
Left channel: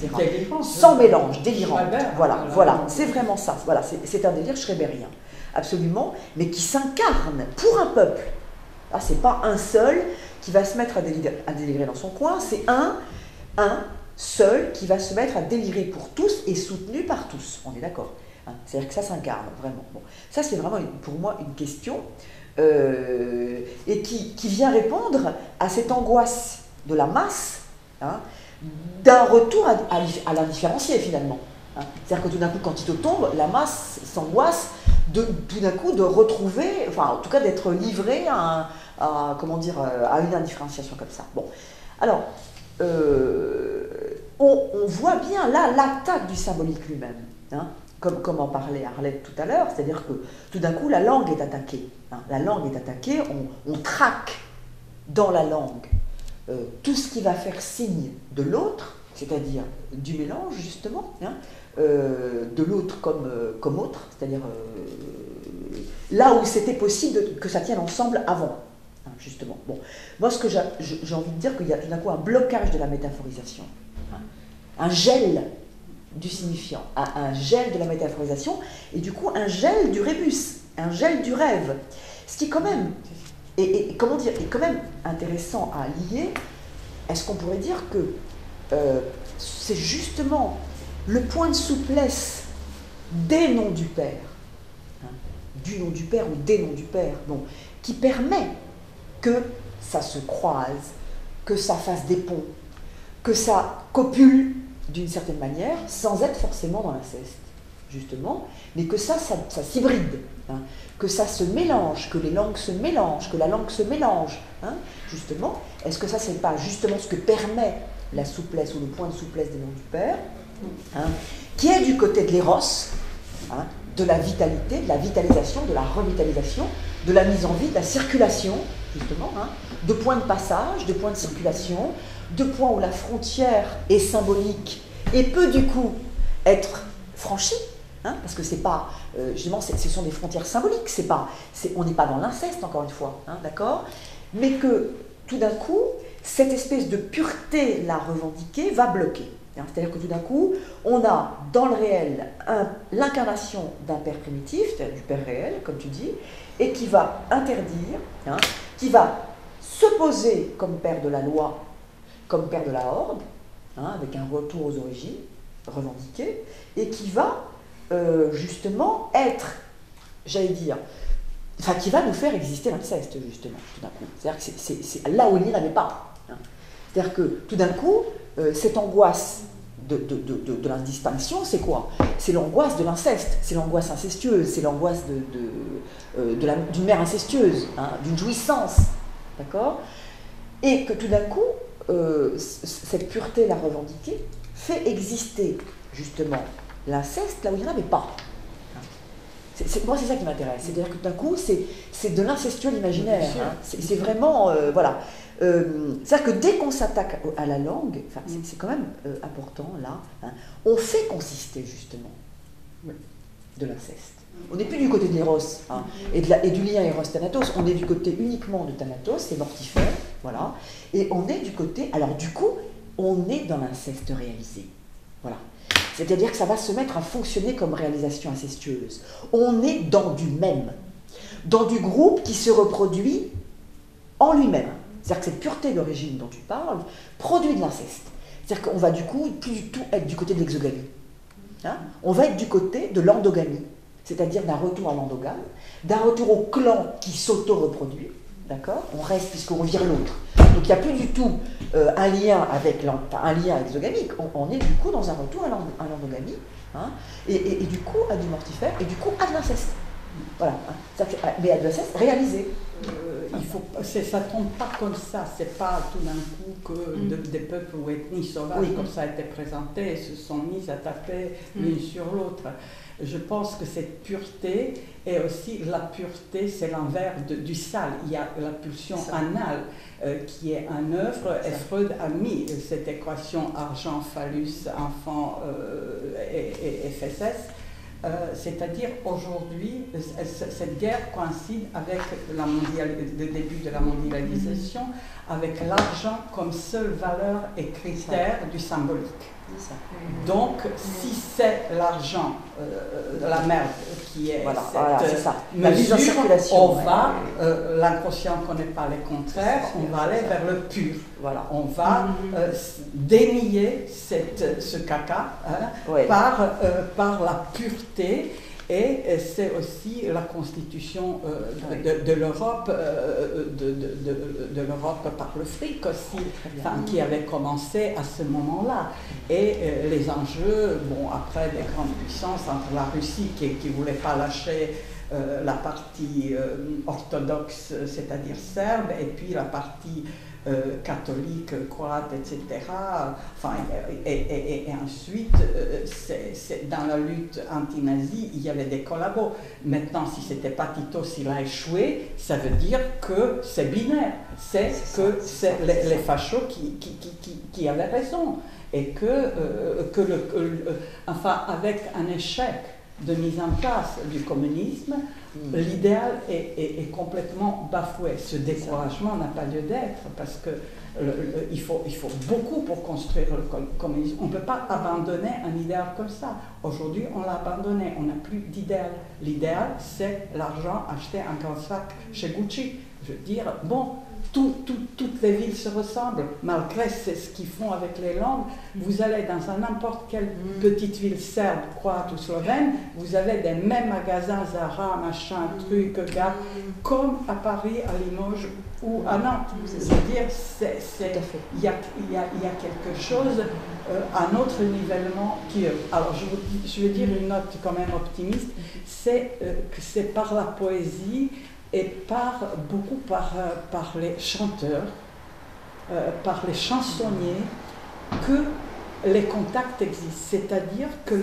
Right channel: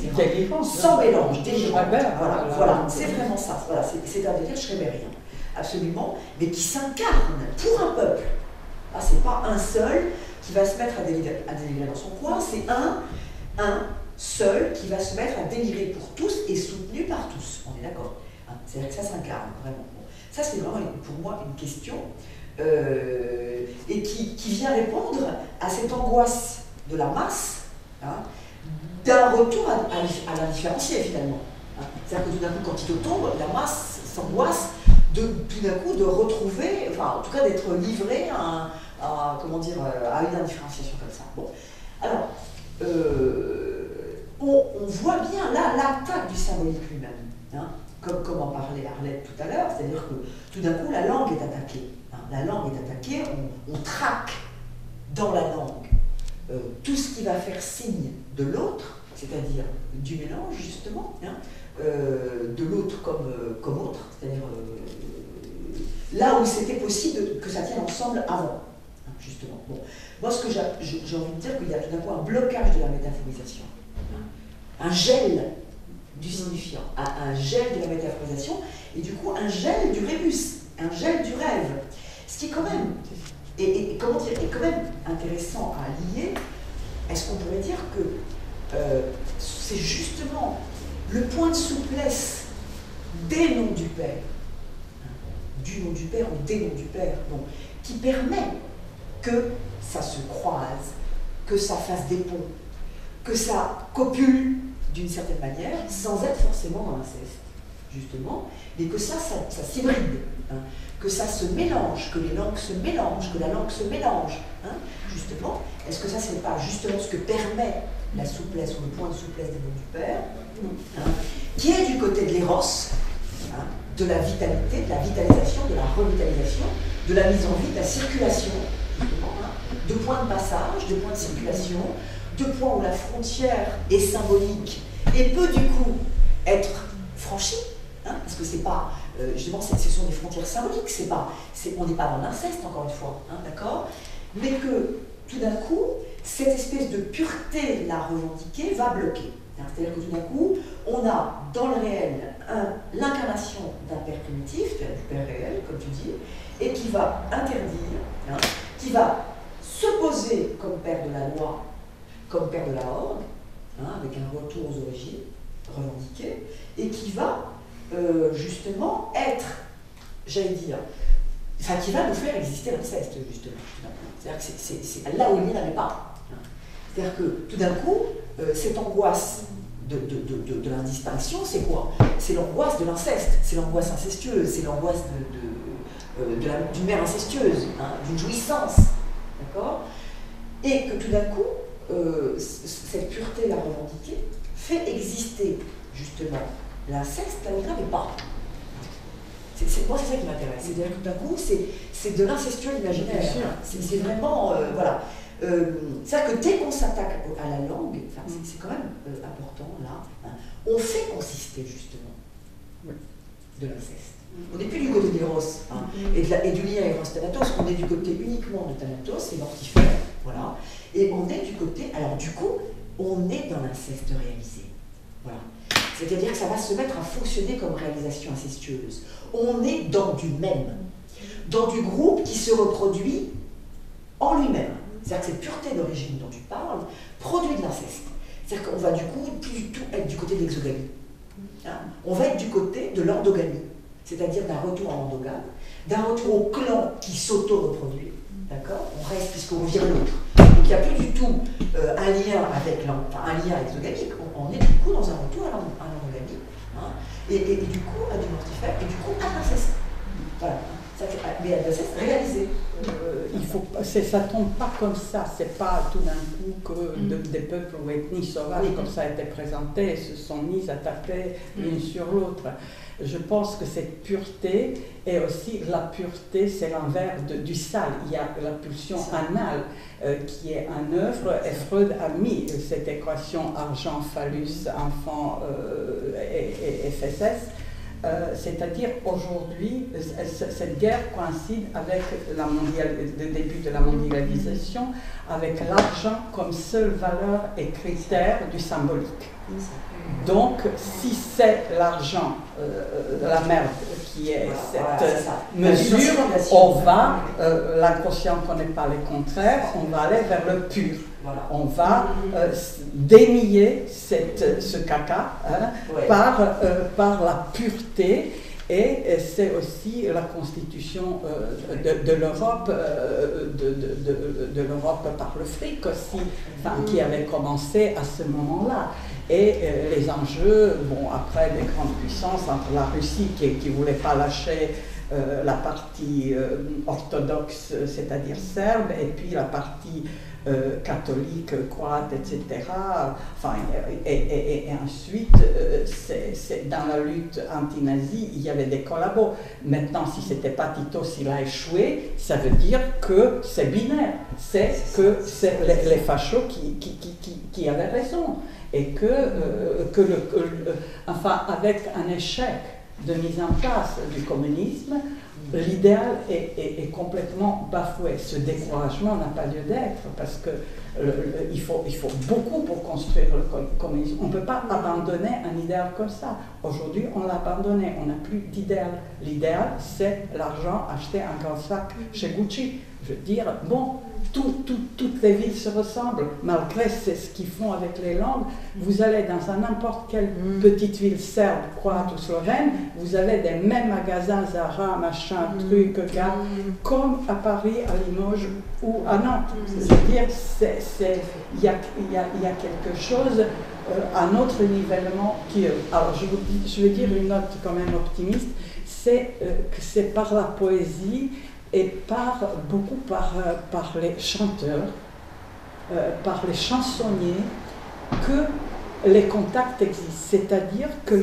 Sans mélange, délirant. Voilà, c'est vraiment ça. Voilà, c'est un délire schreberien, absolument, mais qui s'incarne pour un peuple. Ah, c'est pas un seul qui va se mettre à délirer dans son coin, c'est un seul qui va se mettre à délirer pour tous et soutenu par tous. On est d'accord. Hein, c'est-à-dire que ça s'incarne vraiment. Bon, ça, c'est vraiment pour moi une question et qui vient répondre à cette angoisse de la masse. Hein, d'un retour à l'indifférencié finalement. Hein. C'est-à-dire que tout d'un coup, quand Tito tombe, la masse s'angoisse tout d'un coup de retrouver, enfin en tout cas d'être livré à une indifférenciation comme ça. Bon, alors, on voit bien là l'attaque du symbolique lui-même, hein, comme en parlait Arlette tout à l'heure, c'est-à-dire que tout d'un coup la langue est attaquée. Hein. La langue est attaquée, on traque dans la langue tout ce qui va faire signe de l'autre, c'est-à-dire du mélange justement, hein, de l'autre comme autre, c'est-à-dire là où c'était possible que ça tienne ensemble avant, hein, justement. Bon. Moi, ce que j'ai envie de dire, qu'il y a tout d'un coup un blocage de la métaphorisation, hein, un gel du signifiant, un gel de la métaphorisation, et du coup un gel du rébus, un gel du rêve, ce qui quand même... Et comment dire, est quand même intéressant à lier. Est-ce qu'on pourrait dire que c'est justement le point de souplesse des noms du Père, hein, du nom du Père ou des noms du Père, bon, qui permet que ça se croise, que ça fasse des ponts, que ça copule d'une certaine manière, sans être forcément dans l'inceste, justement, mais que ça s'hybride, hein, que ça se mélange, que les langues se mélangent, que la langue se mélange, hein, justement. Est-ce que ça, c'est pas justement ce que permet la souplesse ou le point de souplesse des langues du père, hein, qui est du côté de l'éros, hein, de la vitalité, de la vitalisation, de la revitalisation, de la mise en vie, de la circulation, justement, hein, de points de passage, de points de circulation, de points où la frontière est symbolique et peut du coup être franchie, hein, parce que c'est pas, justement, ce sont des frontières symboliques, on n'est pas dans l'inceste, encore une fois, hein, d'accord, mais que tout d'un coup, cette espèce de pureté là revendiquée va bloquer. C'est-à-dire que tout d'un coup, on a dans le réel l'incarnation d'un père primitif, du père réel, comme tu dis, et qui va interdire, hein, qui va se poser comme père de la loi, comme père de la horde, hein, avec un retour aux origines revendiqué, et qui va justement être, j'allais dire, enfin qui va nous faire exister l'inceste, justement. C'est-à-dire que c'est là où il n'y en avait pas. Hein. C'est-à-dire que tout d'un coup, cette angoisse de la disparition, c'est quoi? C'est l'angoisse de l'inceste, c'est l'angoisse incestueuse, c'est l'angoisse d'une mère incestueuse, hein, d'une jouissance, d'accord? Et que tout d'un coup, cette pureté la revendiquée fait exister justement l'inceste là où il n'y en avait pas. Moi, c'est ça qui m'intéresse. C'est-à-dire que tout d'un coup, c'est de l'incestueux l'imaginaire. Hein. C'est vraiment, voilà. C'est-à-dire que dès qu'on s'attaque à la langue, c'est quand même important, là, hein, on fait consister justement de l'inceste. On n'est plus du côté de l'éros, hein, et du lien éros-thanatos, on est du côté uniquement de thanatos, c'est mortifère, voilà. Et on est du côté, alors du coup, on est dans l'inceste réalisé. Voilà. C'est-à-dire que ça va se mettre à fonctionner comme réalisation incestueuse. On est dans du même, dans du groupe qui se reproduit en lui-même. C'est-à-dire que cette pureté d'origine dont tu parles produit de l'inceste. C'est-à-dire qu'on va du coup plus du tout être du côté de l'exogamie. Hein, on va être du côté de l'endogamie, c'est-à-dire d'un retour à l'endogame, d'un retour au clan qui s'auto-reproduit. D'accord? On reste puisqu'on vire l'autre. Donc il n'y a plus du tout un lien exogamique. On est du coup dans un retour à l'endogamie, hein, et du coup à du mortifère, et du coup à de l'inceste. Voilà. Mais à de l'inceste réalisé. Ça tombe pas comme ça, c'est pas tout d'un coup que des peuples ou ethnies sauvages, comme ça a été présenté, se sont mis à taper l'une sur l'autre. Je pense que cette pureté est aussi la pureté, c'est l'envers du sale. Il y a la pulsion anale qui est en œuvre, et Freud a mis cette équation argent, phallus, enfant et fesses. C'est-à-dire aujourd'hui, cette guerre coïncide avec le début de la mondialisation, avec l'argent comme seule valeur et critère du symbolique. Donc, si c'est l'argent de la merde qui est cette mesure, on va, l'inconscient ne connaît pas les contraires, on va aller vers le pur. Voilà. On va dénier ce caca, hein, par la pureté, et c'est aussi la constitution de l'Europe, de l'Europe par le fric aussi, enfin, qui avait commencé à ce moment-là. Et les enjeux, bon, après des grandes puissances, entre la Russie qui ne voulait pas lâcher la partie orthodoxe, c'est-à-dire serbe, et puis la partie catholique, croate, etc. Enfin, et ensuite, dans la lutte anti-nazie, il y avait des collabos. Maintenant, si ce n'était pas Tito, s'il a échoué, ça veut dire que c'est binaire. C'est que c'est les fachos qui avaient raison. Et enfin, avec un échec de mise en place du communisme, l'idéal est complètement bafoué. Ce découragement n'a pas lieu d'être, parce que il faut beaucoup pour construire le communisme. On ne peut pas abandonner un idéal comme ça. Aujourd'hui, on l'a abandonné, on n'a plus d'idéal. L'idéal, c'est l'argent acheté en grand sac chez Gucci. Je veux dire, bon, toutes les villes se ressemblent, malgré ce qu'ils font avec les langues. Vous allez dans n'importe quelle petite ville serbe, croate ou slovène, vous avez des mêmes magasins, Zara, machin, truc, gars, comme à Paris, à Limoges ou à Nantes. Je veux dire, il y a quelque chose, un autre nivellement qui... Alors, je vais dire une note quand même optimiste, c'est que c'est par la poésie et beaucoup par les chanteurs, par les chansonniers, que les contacts existent. C'est-à-dire que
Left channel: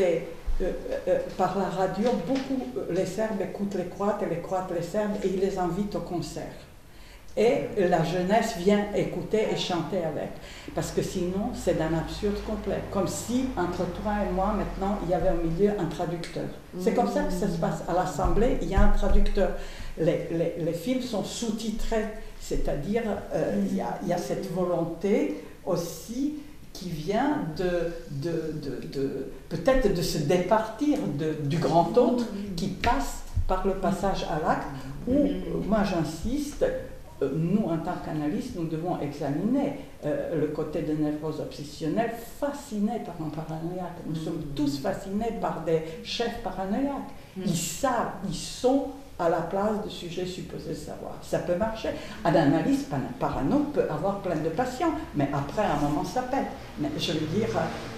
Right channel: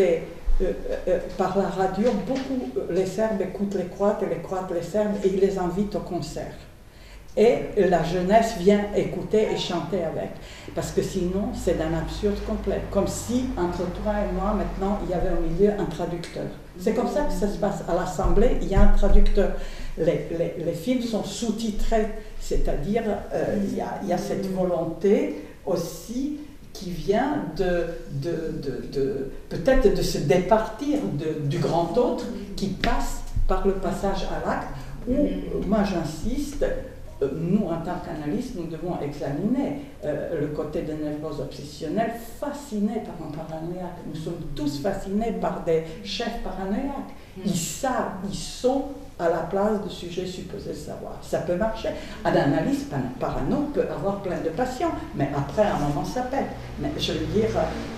par la radio, beaucoup les Serbes écoutent les Croates et les Croates les Serbes et ils les invitent au concert. Et la jeunesse vient écouter et chanter avec. Parce que sinon, c'est d'un absurde complet. Comme si, entre toi et moi, maintenant, il y avait au milieu un traducteur. C'est comme ça que ça se passe. À l'Assemblée, il y a un traducteur. Les films sont sous-titrés. C'est-à-dire, il y a cette volonté aussi qui vient peut-être de se départir du grand autre qui passe par le passage à l'acte, où, moi j'insiste, nous, en tant qu'analystes, nous devons examiner le côté de névrose obsessionnelle, fascinés par un paranoïaque. Nous sommes tous fascinés par des chefs paranoïaques. Ils savent, ils sont à la place de sujets supposés savoir. Ça peut marcher. Un analyste parano peut avoir plein de patients, mais après, à un moment, ça pète. Mais je veux dire,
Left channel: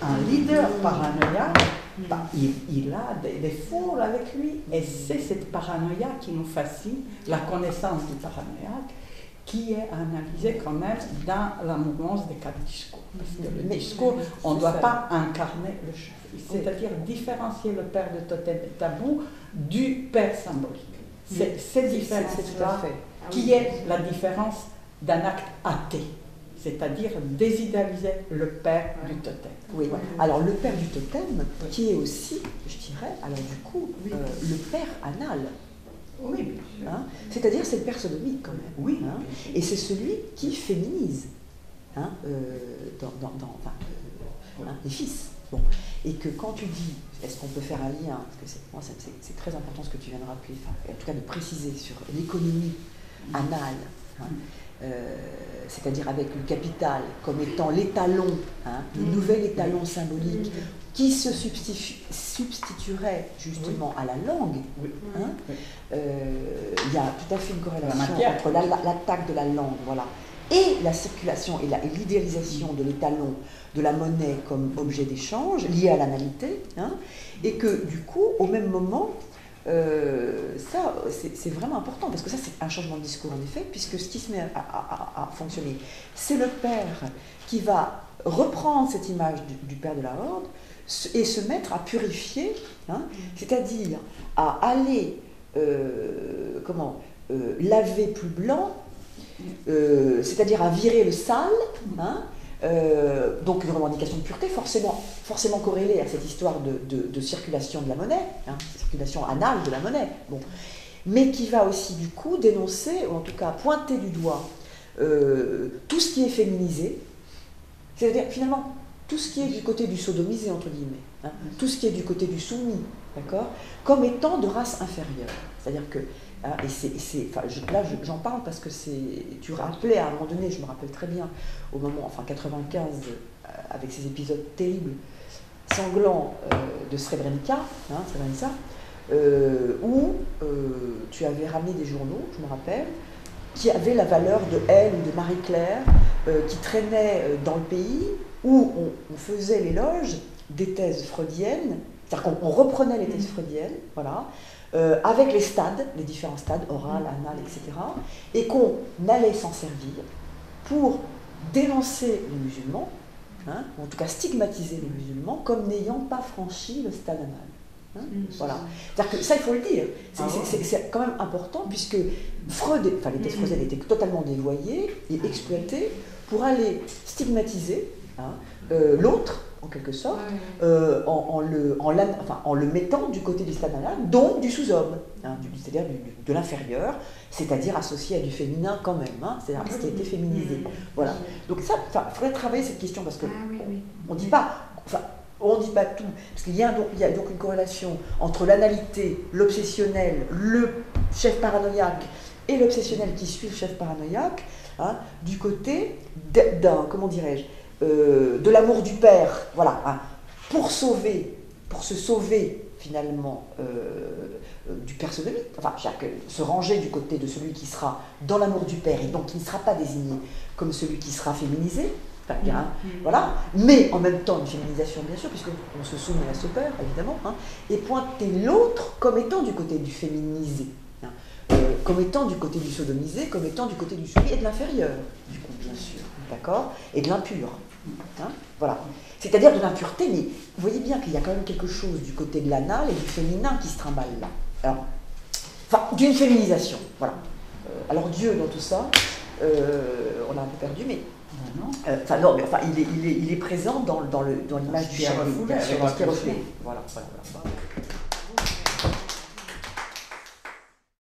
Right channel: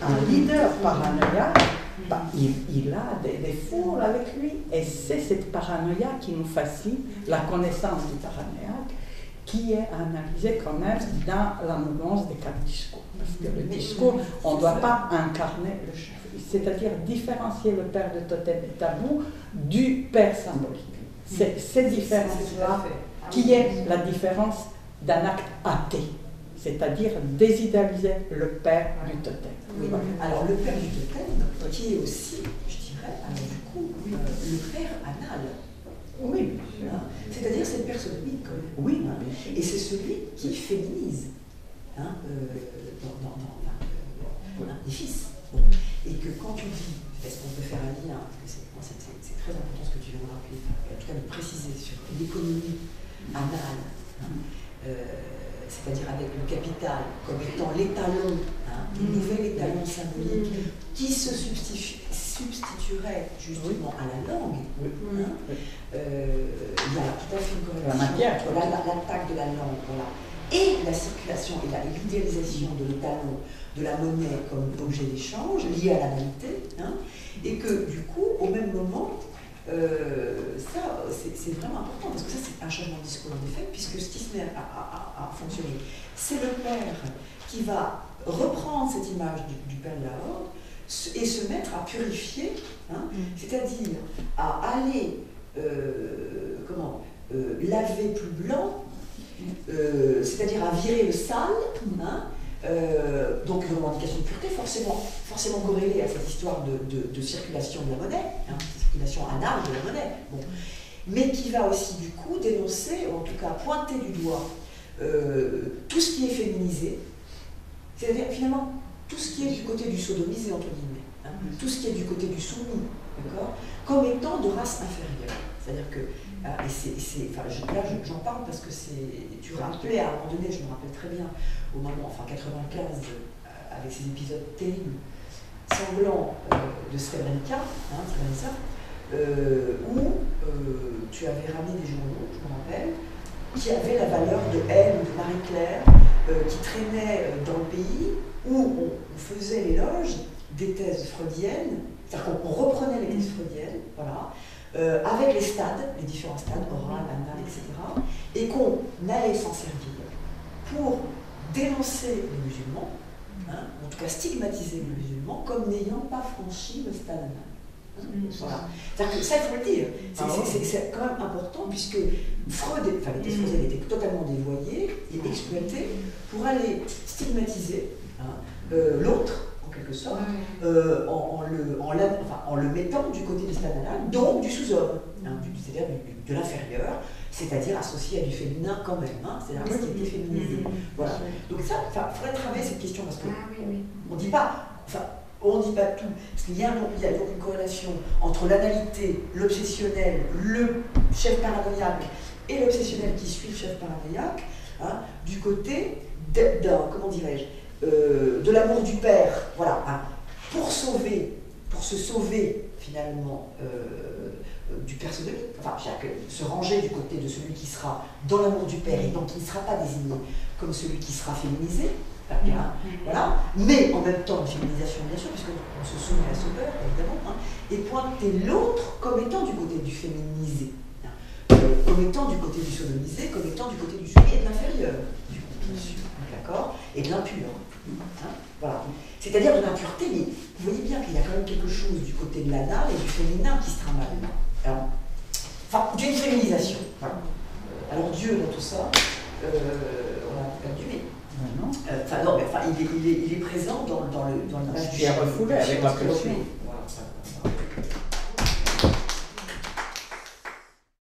un leader paranoïaque, il a des foules avec lui. Et c'est cette paranoïa qui nous fascine, la connaissance du paranoïaque, qui est analysée quand même dans la mouvance des quatre discours. Parce que le discours, on ne doit pas incarner le chef. C'est-à-dire différencier le père de totem et tabou du père symbolique. C'est cette différence-là qui est la différence d'un acte athée, c'est-à-dire désidéaliser le père du totem. Oui. Alors le père du totem, qui est aussi, je dirais, alors du coup, le père anal. Oui, hein, c'est-à-dire cette personnique quand même. Oui, hein, et c'est celui qui féminise les fils. Bon. Et que quand tu dis, est-ce qu'on peut faire un lien, parce que c'est très important ce que tu viens de rappeler, en tout cas de préciser sur l'économie anale, c'est-à-dire avec le capital comme étant l'étalon, le nouvel étalon symbolique qui se substituerait justement à la langue. Il y a tout à fait une corrélation entre l'attaque de la langue, voilà, et la circulation et l'idéalisation de l'étalon, de la monnaie comme objet d'échange lié à l'analité, et que du coup, au même moment, ça c'est vraiment important, parce que ça c'est un changement de discours en effet, puisque ce qui se met à fonctionner, c'est le père qui va reprendre cette image du père de la horde et se mettre à purifier, c'est-à-dire à aller laver plus blanc, c'est-à-dire à virer le sale, donc une revendication de pureté forcément corrélée à cette histoire de circulation de la monnaie, circulation anale de la monnaie, mais qui va aussi du coup dénoncer, ou en tout cas pointer du doigt tout ce qui est féminisé, c'est-à-dire finalement tout ce qui est du côté du sodomisé entre guillemets, tout ce qui est du côté du soumis, d'accord, comme étant de race inférieure, c'est-à-dire que j'en parle parce que tu rappelais à un moment donné, je me rappelle très bien, au moment, 95, avec ces épisodes terribles, sanglants de Srebrenica, où tu avais ramené des journaux, je me rappelle, qui avaient la valeur de Elle ou de Marie-Claire, qui traînaient dans le pays, où on faisait l'éloge des thèses freudiennes, c'est-à-dire qu'on reprenait les thèses freudiennes, voilà, avec les stades, les différents stades, oral, anal, etc., et qu'on allait s'en servir pour dénoncer les musulmans, en tout cas stigmatiser les musulmans, comme n'ayant pas franchi le stade anal. Voilà. C'est-à-dire que ça, il faut le dire, c'est quand même important, puisque Freud, les thèses freudiennes étaient totalement dévoyées et exploitées pour aller stigmatiser l'autre, en quelque sorte, en le mettant du côté du stade anal, donc du sous-homme, c'est-à-dire de l'inférieur, c'est-à-dire associé à du féminin quand même, c'est-à-dire ce qui était féminisé. Voilà. Donc ça, il faudrait travailler cette question, parce qu'on ne dit pas, on ne dit pas tout, parce qu'il y a donc une corrélation entre l'analité, l'obsessionnel, le chef paranoïaque et l'obsessionnel qui suit le chef paranoïaque, hein, du côté comment dirais-je, de l'amour du père, voilà, hein, pour se sauver finalement du père sodomite, enfin, se ranger du côté de celui qui sera dans l'amour du père et donc qui ne sera pas désigné comme celui qui sera féminisé, enfin, voilà, mais en même temps une féminisation bien sûr, puisqu'on se soumet à ce père évidemment, hein, et pointer l'autre comme étant du côté du féminisé, hein, comme étant du côté du sodomisé, comme étant du côté du soumis et de l'inférieur, bien sûr, d'accord, et de l'impur. Hein, voilà. C'est-à-dire de l'impureté, mais vous voyez bien qu'il y a quand même quelque chose du côté de l'anal et du féminin qui se trimballe là. Alors, enfin, d'une féminisation. Voilà. Alors Dieu dans tout ça, on l'a perdu, mais. Non. Enfin, non, mais enfin, il est présent dans l'image du Pierre refoulé, avec la refoulé. Voilà.